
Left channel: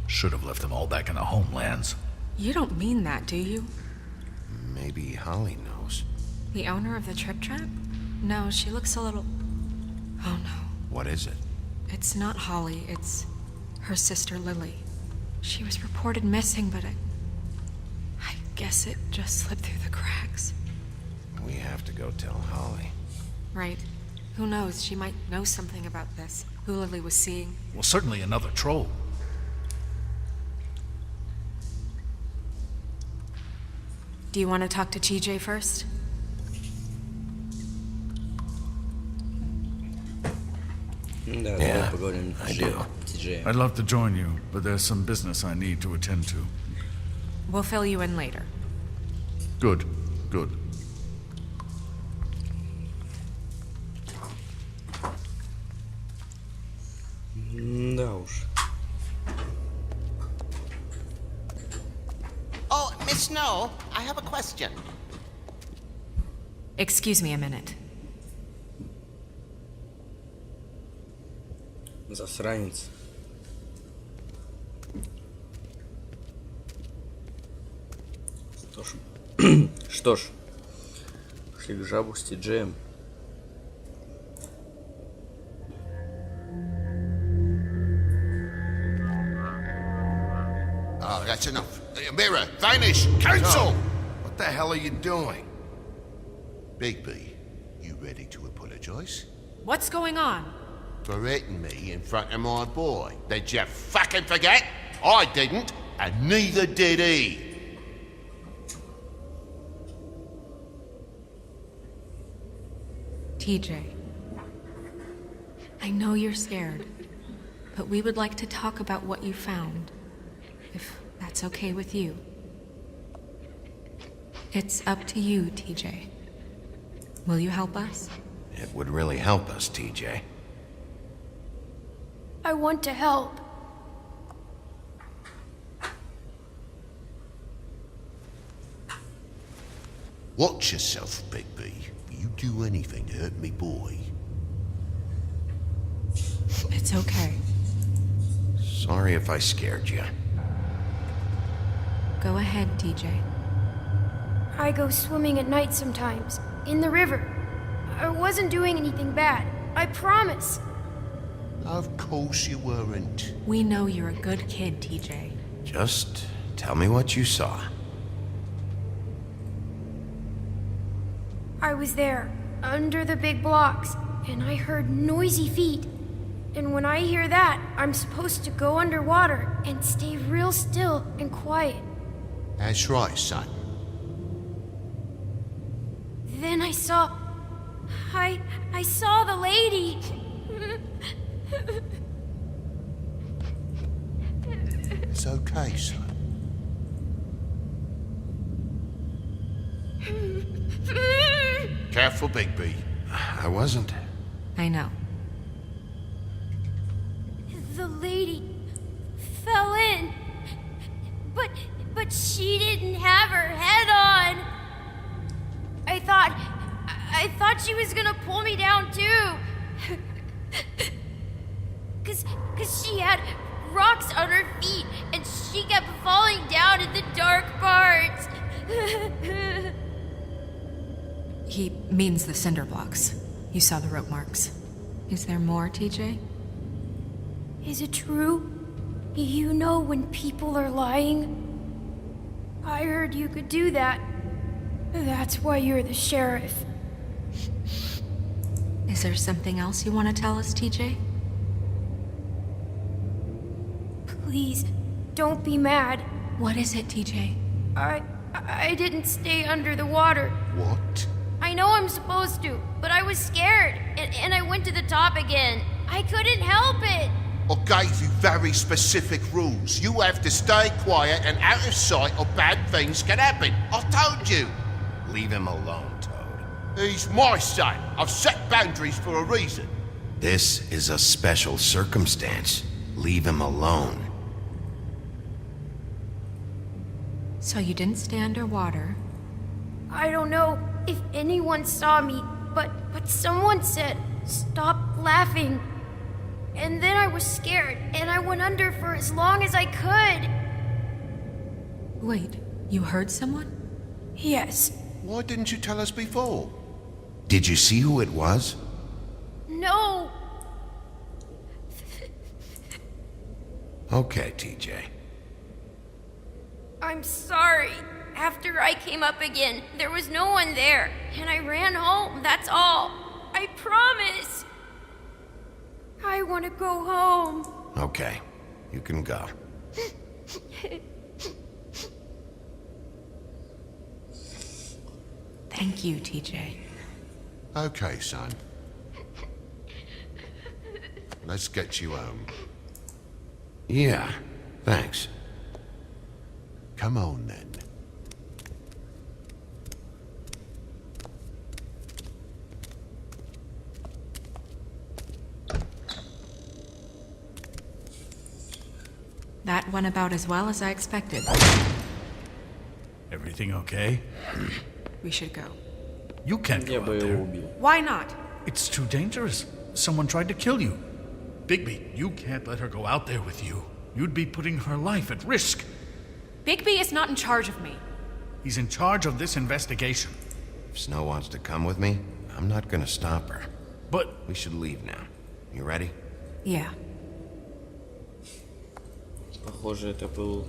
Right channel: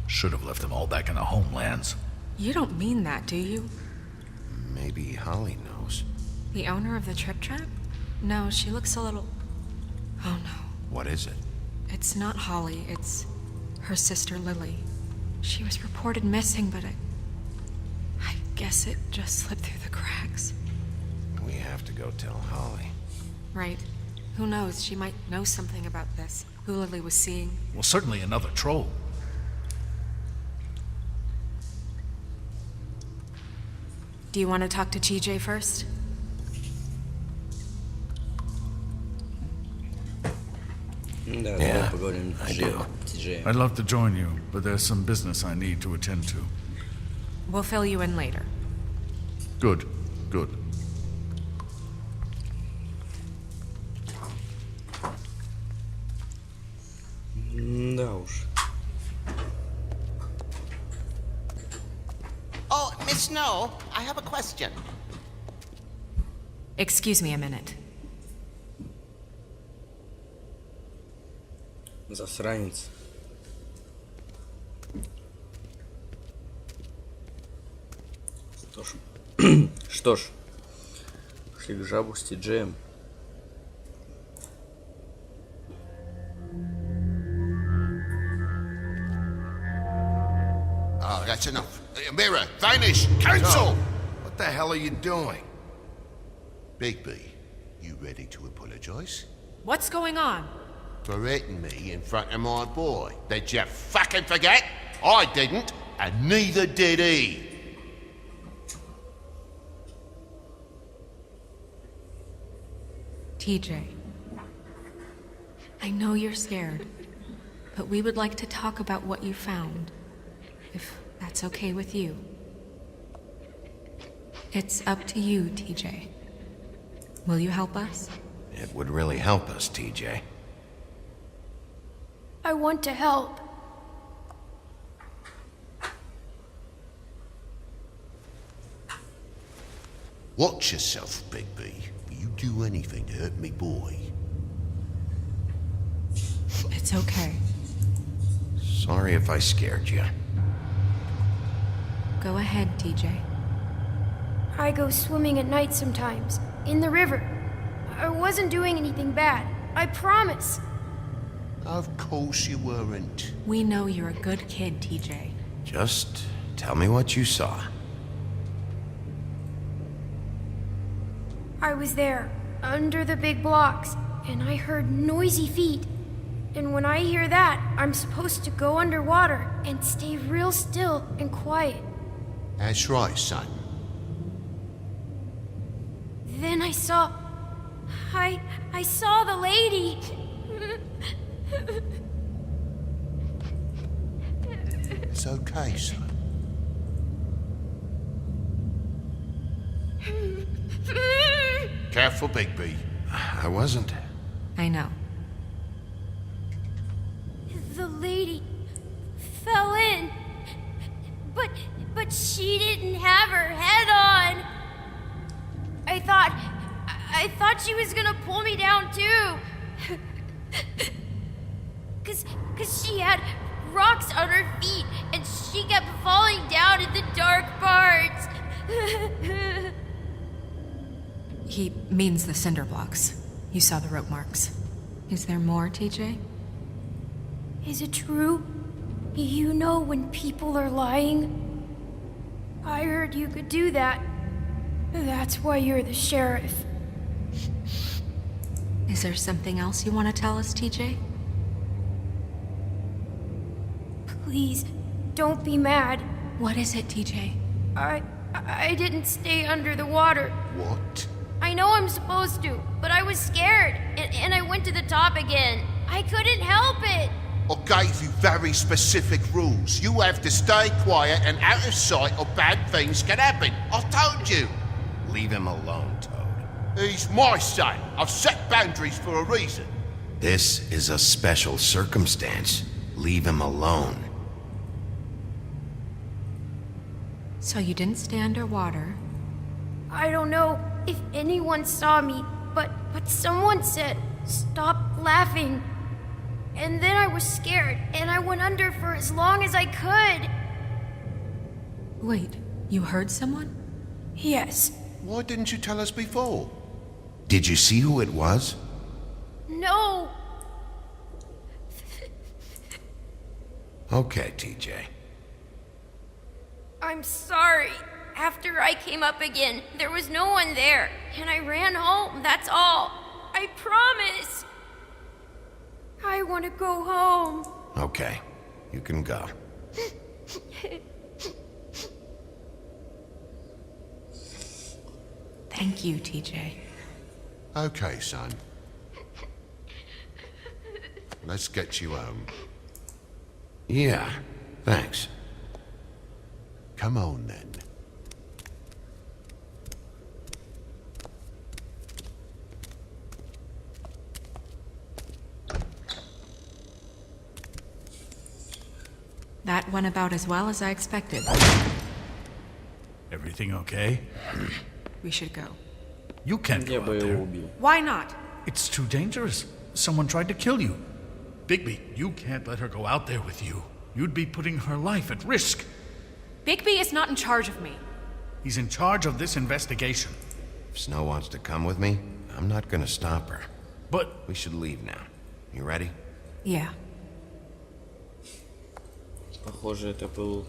Should have left them all back in the homelands. You don't mean that, do you? Maybe Holly knows. The owner of the Trip Trap? No, she looks a little... Oh no. What is it? It's not Holly, it's her sister Lily. She was reported missing, but I guess it just slipped through the cracks. We have to go tell Holly. Right. Who knows, she might know something about this. Who Lily was seeing. Well, certainly another troll. Do you want to talk to TJ first? Да, Yeah, давай поговорим I с do. TJ. I'd love to join you, but there's some business I need to attend to. We'll fill you in later. Good, good. Да уж. Oh, Miss Snow, I have a question. Excuse me a minute. Засранец. Что ж, шли к жабу с Тиджеем. Oh, that's enough. Mirror, vanish! Cancel! What the hell are you doing? Bigby, you ready to apologize? What's going on? For hitting me in front of my boy. Did you fucking forget? I didn't, and neither did he. TJ. I know you're scared, but we would like to talk about what you found. If that's okay with you. It's up to you, TJ. Will you help us? It would really help us, TJ. I want to help. Watch yourself, Bigby. You do anything to hurt me, boy. It's okay. Sorry if I scared you. Go ahead, TJ. I go swimming at night sometimes, in the river. I wasn't doing anything bad. I promise. Of course you weren't. We know you're a good kid, TJ. Just tell me what you saw. I was there, under the big blocks, and I heard noisy feet. And when I hear that, I'm supposed to go underwater and stay real still and quiet. That's right, son. Then I saw... I saw the lady. It's okay, son. Careful, Bigby. I wasn't. I know. The lady fell in. But she didn't have her head on. I thought she was gonna pull me down too. Cause she had rocks on her feet and she kept falling down in the dark parts. He means the cinder blocks. You saw the rope marks. Is there more, TJ? Is it true? You know when people are lying? I heard you could do that. That's why you're the sheriff. Is there something else you want to tell us, TJ? Please, don't be mad. What is it, TJ? I didn't stay under the water. What? I know I'm supposed to, but I was scared, and I went to the top again. I couldn't help it. I gave you very specific rules. You have to stay quiet and out of sight or bad things can happen. I told you. Leave him alone, Toad. He's my son. I've set boundaries for a reason. This is a special circumstance. Leave him alone. So you didn't stay underwater. I don't know if anyone saw me, but someone said, "Stop laughing." And then I was scared, and I went under for as long as I could. Wait, you heard someone? Yes. Why didn't you tell us before? Did you see who it was? No. Okay, TJ. I'm sorry. After I came up again, there was no one there, and I ran home, that's all. I promise. I want to go home. Okay, you can go. Thank you, TJ. Okay, son. Let's get you home. Yeah, thanks. Come on, then. That went about as well as I expected. Everything okay? We should go. You can't Я go бы out его there. убил. Why not? It's too dangerous. Someone tried to kill you. Bigby, you can't let her go out there with you. You'd be putting her life at risk. Bigby is not in charge of me. He's in charge of this investigation. If Snow wants to come with me, I'm not gonna stop her. But We should leave now. You ready? Yeah. Похоже, это был...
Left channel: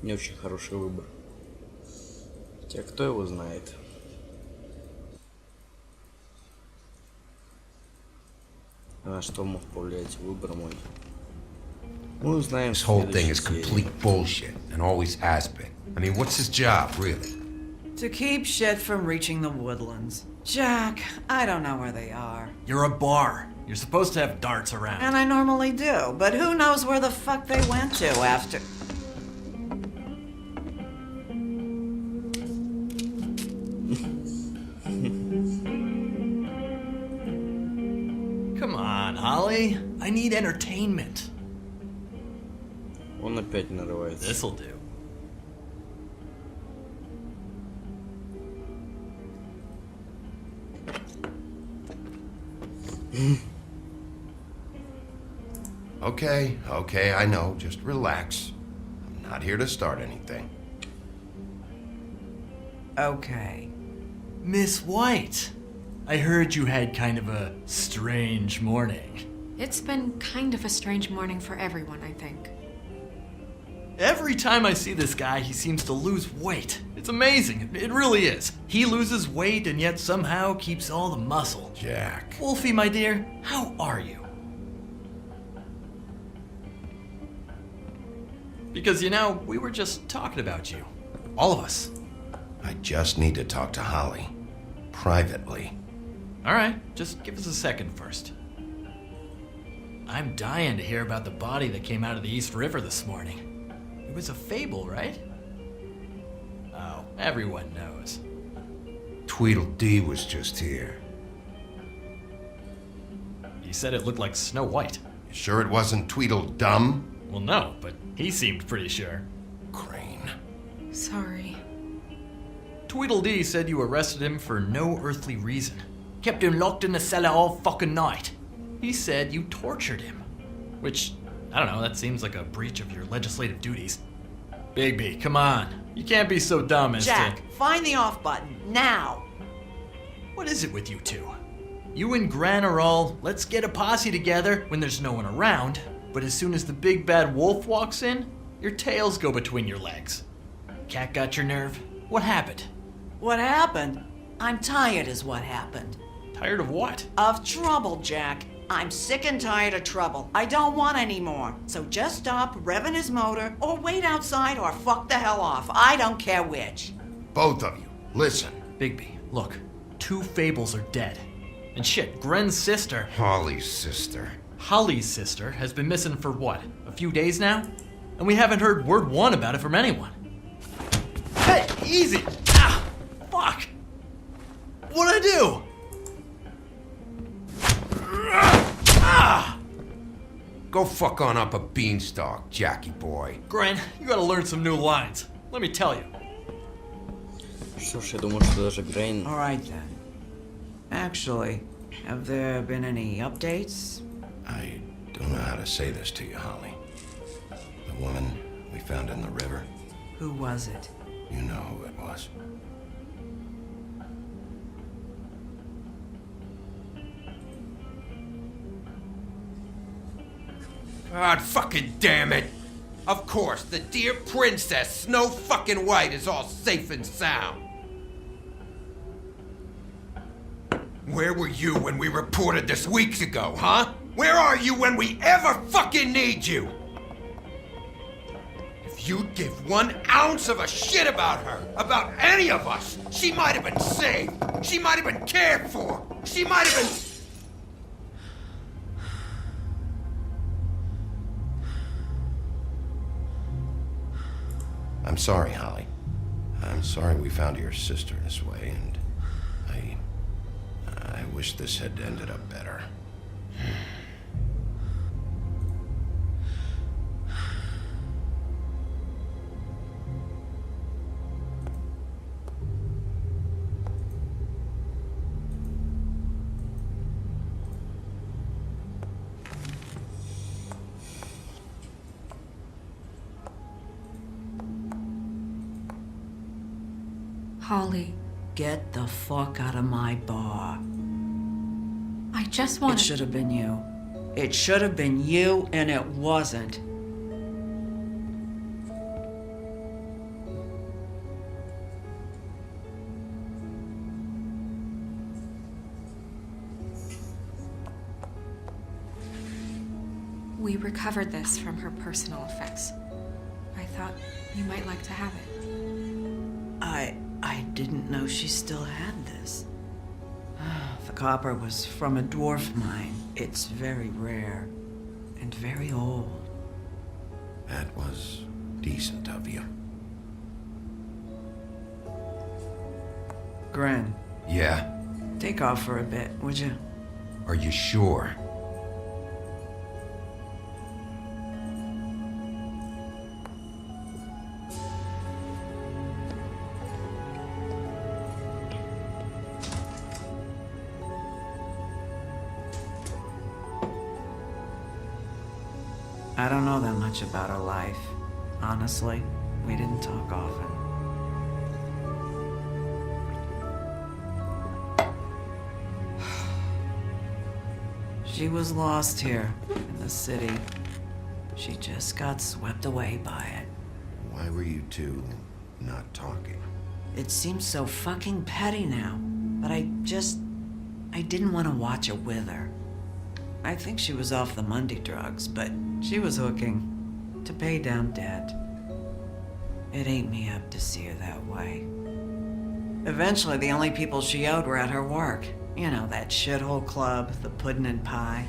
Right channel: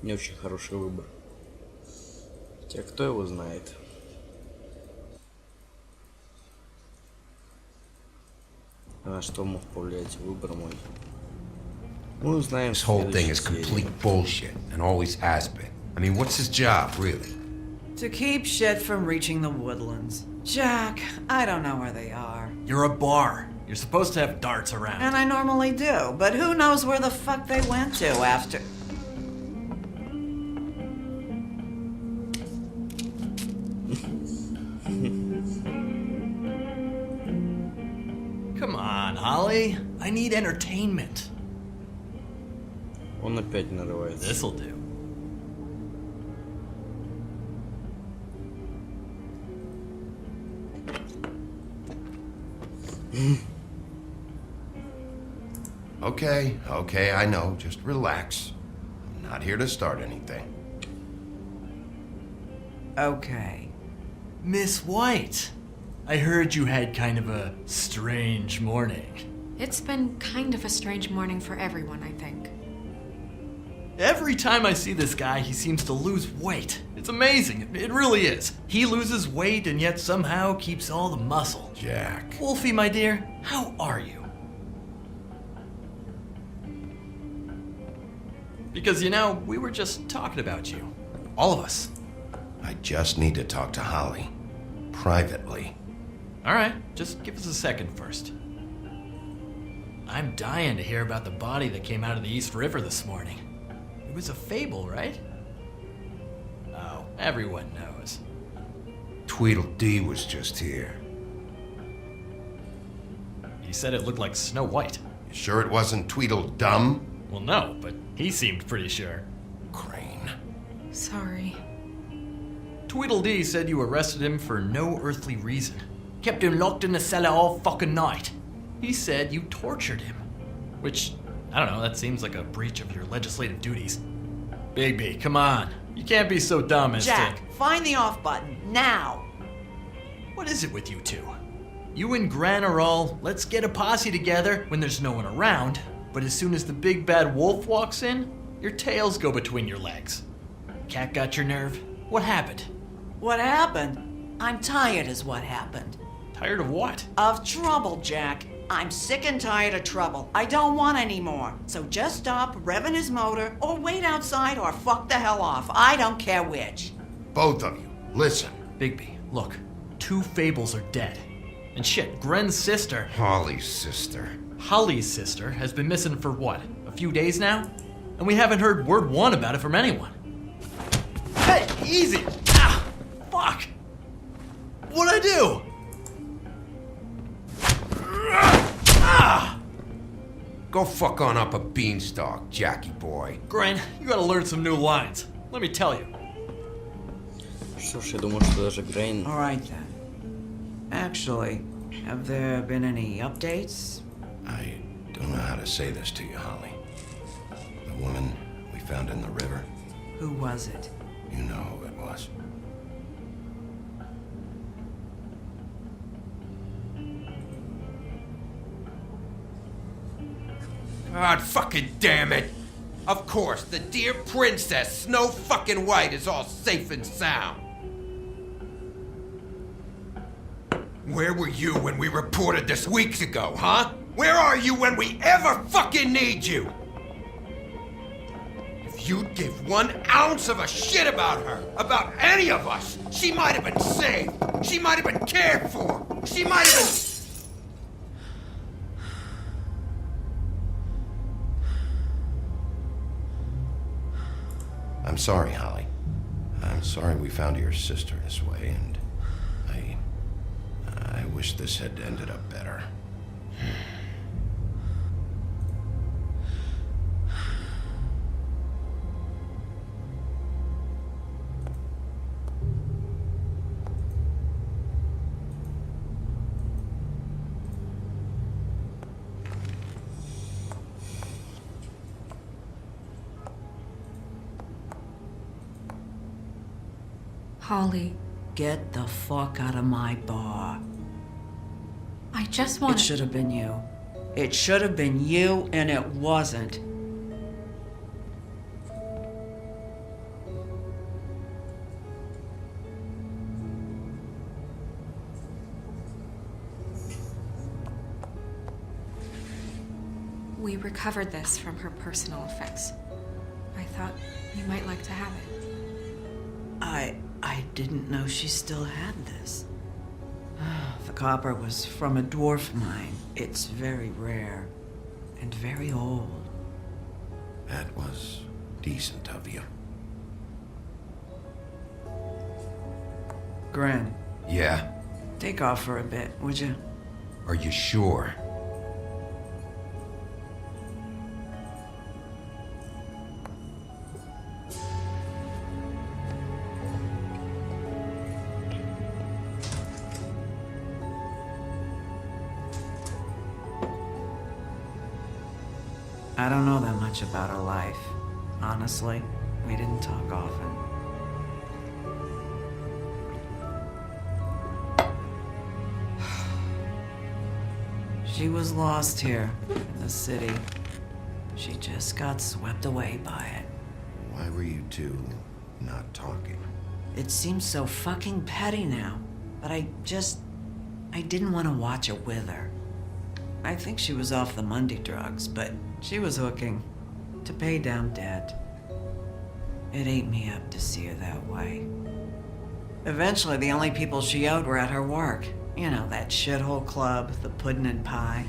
Не очень хороший выбор. Хотя кто его знает? А что мог повлиять выбор мой? Мы узнаем в This whole thing is следующей серии. complete bullshit, and always has been. I mean, what's his job, really? To keep shit from reaching the woodlands. Jack, I don't know where they are. You're a bar. You're supposed to have darts around. And I normally do, but who knows where the fuck they went to after... Come on, Holly. I need entertainment. Он опять нарывается. This'll do. Okay, I know. Just relax. I'm not here to start anything. Okay. Miss White, I heard you had kind of a strange morning. It's been kind of a strange morning for everyone, I think. Every time I see this guy, he seems to lose weight. It's amazing. It really is. He loses weight and yet somehow keeps all the muscle. Jack. Wolfie, my dear, how are you? Because, you know, we were just talking about you. All of us. I just need to talk to Holly. Privately. All right, just give us a second first. I'm dying to hear about the body that came out of the East River this morning. It was a fable, right? Oh, everyone knows. Tweedledee was just here. He said it looked like Snow White. You sure it wasn't Tweedledum? Well, no, but he seemed pretty sure. Crane. Sorry. Tweedledee said you arrested him for no earthly reason. Kept him locked in the cellar all fucking night. He said you tortured him. Which, I don't know, that seems like a breach of your legislative duties. Bigby, come on. You can't be so dumb as Jack, to... find the off button, now! What is it with you two? You and Gran are all, let's get a posse together when there's no one around, but as soon as the big bad wolf walks in, your tails go between your legs. Cat got your nerve? What happened? What happened? I'm tired is what happened. Tired of what? Of trouble, Jack. I'm sick and tired of trouble. I don't want any more. So just stop revving his motor, or wait outside, or fuck the hell off. I don't care which. Both of you, listen. Bigby, look. 2 fables are dead. And shit, Gren's sister... Holly's sister. Holly's sister has been missing for what? A few days now? And we haven't heard word one about it from anyone. Hey, easy! Ah, fuck! What'd I do? Ah! Go fuck on up a beanstalk, Jackie boy. Gren, you gotta learn some new lines. Let me tell you. Что ж, я думаю, что даже Грейн... All right, then. Actually, have there been any updates? I don't know how to say this to you, Holly. The woman we found in the river, Who was it? you know who it was. God fucking damn it! Of course, the dear princess, Snow fucking White, is all safe and sound. Where were you when we reported this weeks ago, huh? Where are you when we ever fucking need you? If you'd give 1 ounce of a shit about her, about any of us, she might have been saved. She might have been cared for. She might have been... I'm sorry, Holly. I'm sorry we found your sister this way, and I wish this had ended up better. Holly, Get the fuck out of my bar. I just want It should have been you. It should have been you, and it wasn't. We recovered this from her personal effects. I thought you might like to have it. I didn't know she still had this. The copper was from a dwarf mine. It's very rare and very old. That was decent of you. Gren, Yeah? take off for a bit, would you? Are you sure? I don't know that much about her life. Honestly, we didn't talk often. She was lost here in the city. She just got swept away by it. Why were you two not talking? It seems so fucking petty now, but I didn't want to watch it with her. I think she was off the Monday drugs, but she was hooking to pay down debt. It ate me up to see her that way. Eventually, the only people she owed were at her work. You know, that shithole club, the Puddin' and Pie.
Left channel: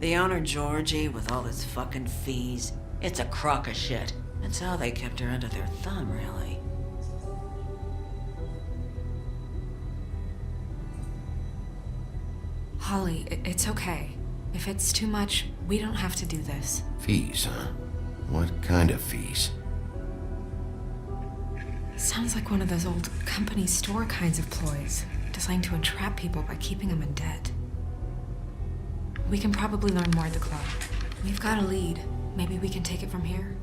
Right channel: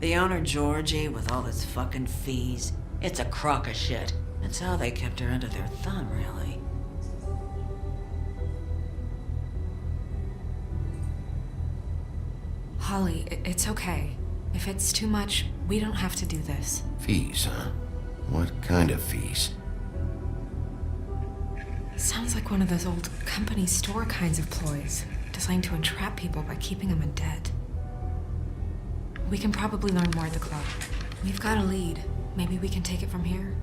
The owner, Georgie, with all his fucking fees, it's a crock of shit. That's how they kept her under their thumb, really. Holly, it's okay. If it's too much, we don't have to do this. Fees, huh? What kind of fees? Sounds like one of those old company store kinds of ploys, designed to entrap people by keeping them in debt. We can probably learn more at the club. We've got a lead. Maybe we can take it from here?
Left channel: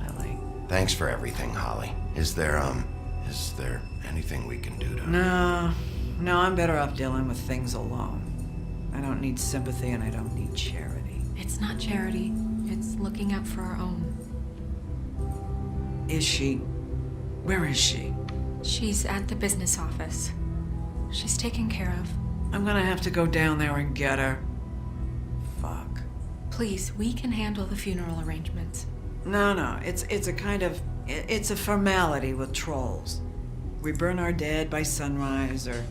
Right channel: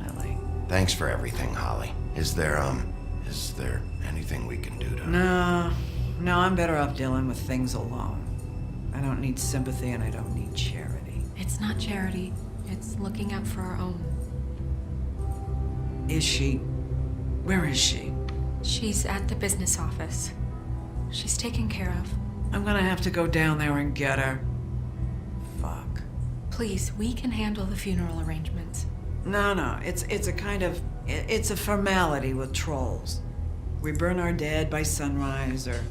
Lily. Thanks for everything, Holly. Is there anything we can do to... No, I'm better off dealing with things alone. I don't need sympathy and I don't need charity. It's not charity. It's looking out for our own. Is she? Where is she? She's at the business office. She's taken care of. I'm gonna have to go down there and get her. Fuck. Please, we can handle the funeral arrangements. No, it's a kind of... It's a formality with trolls. We burn our dead by sunrise, or...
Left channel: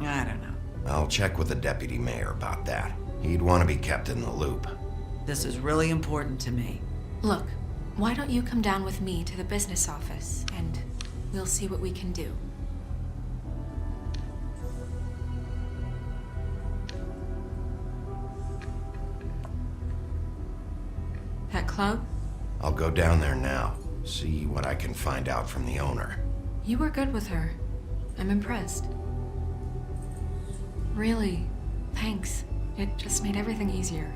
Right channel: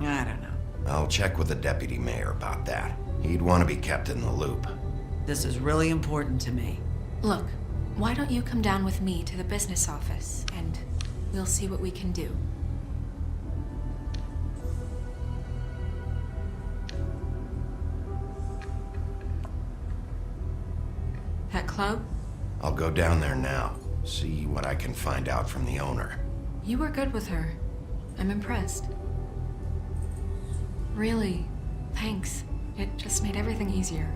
I don't know. I'll check with the deputy mayor about that. He'd want to be kept in the loop. This is really important to me. Look, why don't you come down with me to the business office, and we'll see what we can do. That club? I'll go down there now, see what I can find out from the owner. You were good with her. I'm impressed. Really, thanks. It just made everything easier.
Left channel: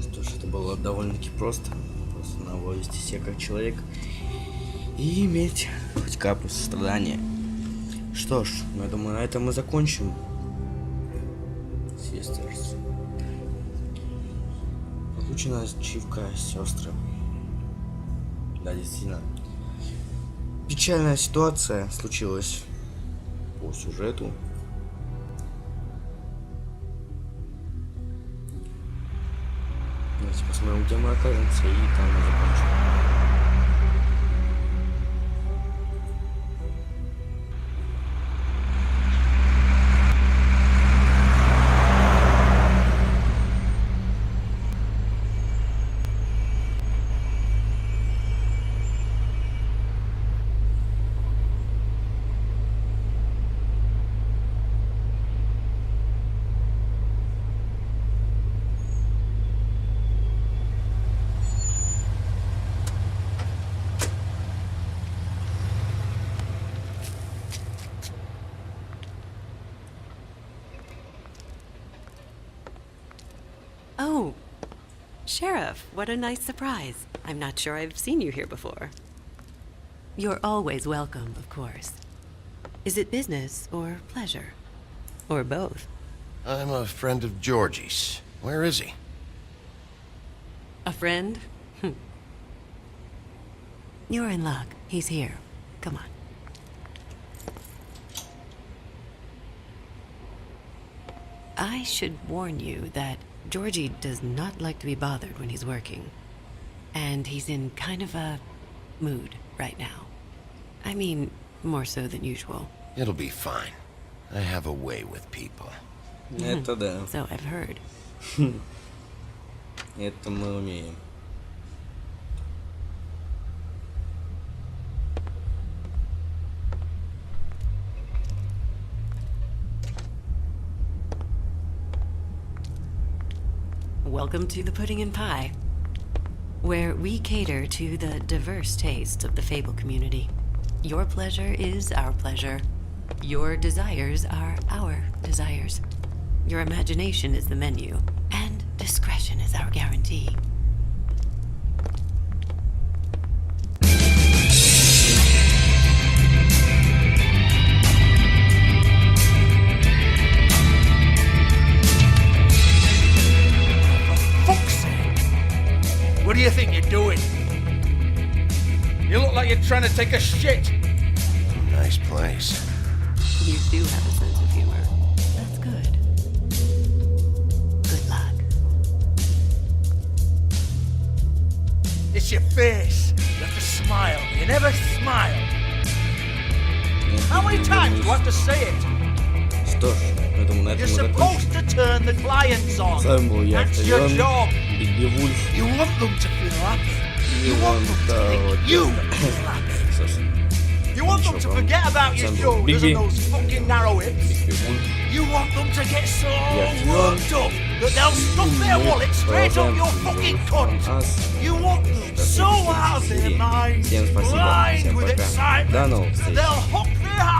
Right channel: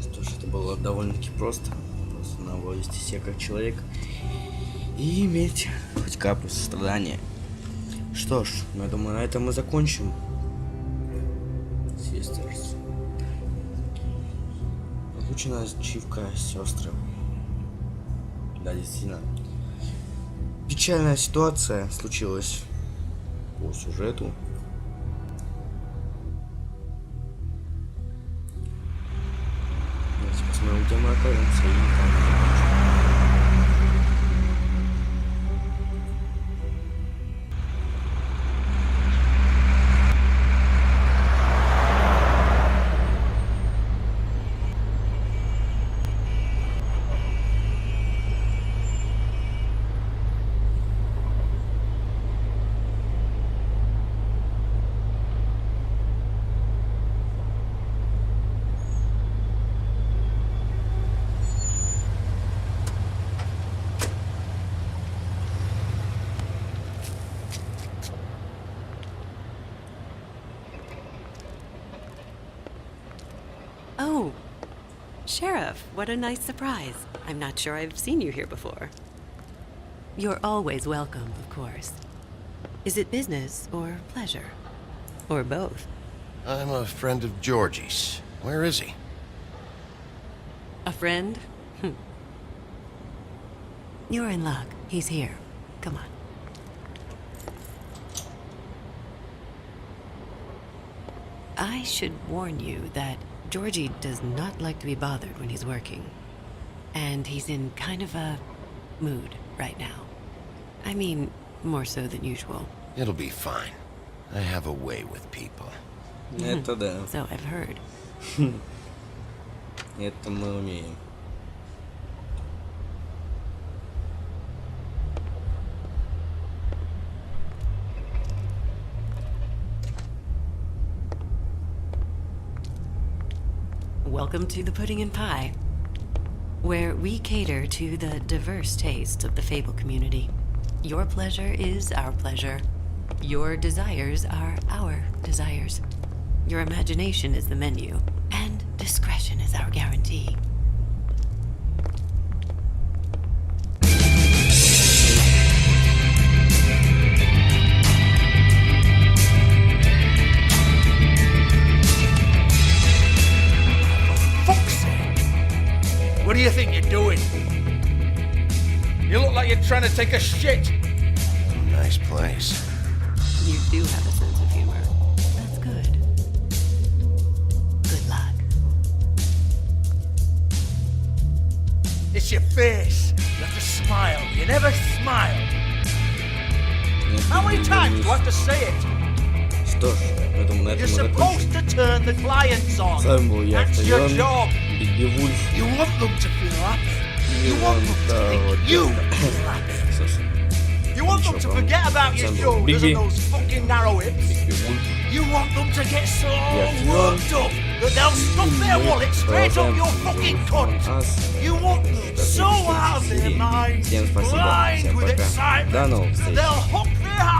Что ж, это было довольно-таки просто. Просто надо вести себя как человек и иметь хоть каплю сострадания. Что ж, я думаю, на этом мы закончим. Sisters. Озвучена ачивка сестры. Да, действительно. Печальная ситуация случилась по сюжету. Давайте посмотрим, где мы окажемся, и там мы закончим. Oh, Sheriff, what a nice surprise. I'm not sure I've seen you here before. You're always welcome, of course. Is it business or pleasure? Or both? I'm a friend of Georgie's. Where is he? A friend? You're in luck. He's here. Come on. I should warn you that Georgie does not like to be bothered when he's working. And he's in kind of a mood right now. I mean, more so than usual. It'll be fine. I have a way with people. Это да. So I've heard. Это мы умеем. Welcome to the Pudding and Pie, where we cater to the diverse tastes of the Fable community. Your pleasure is our pleasure. Your desires are our desires. Your imagination is the menu, and discretion is our guarantee. What do you think you're doing? You look like you're trying to take a shit. Nice place. You do have a sense of humor. That's good. Good luck. It's your face. You have to smile. You never smile. How many times do I have to say it? Что ж, я думаю, на этом You're мы supposed закончим. to turn the clients on. С вами был я, That's your job. Бигби Вульф. You want them to feel happy. You want them to think you feel happy. You want them to forget about your shoulders and those fucking narrow hips. You want them to get so worked up that they'll stuff their wallet straight up your fucking cunt. You want them so out of their minds, blind with excitement, that they'll hook their house.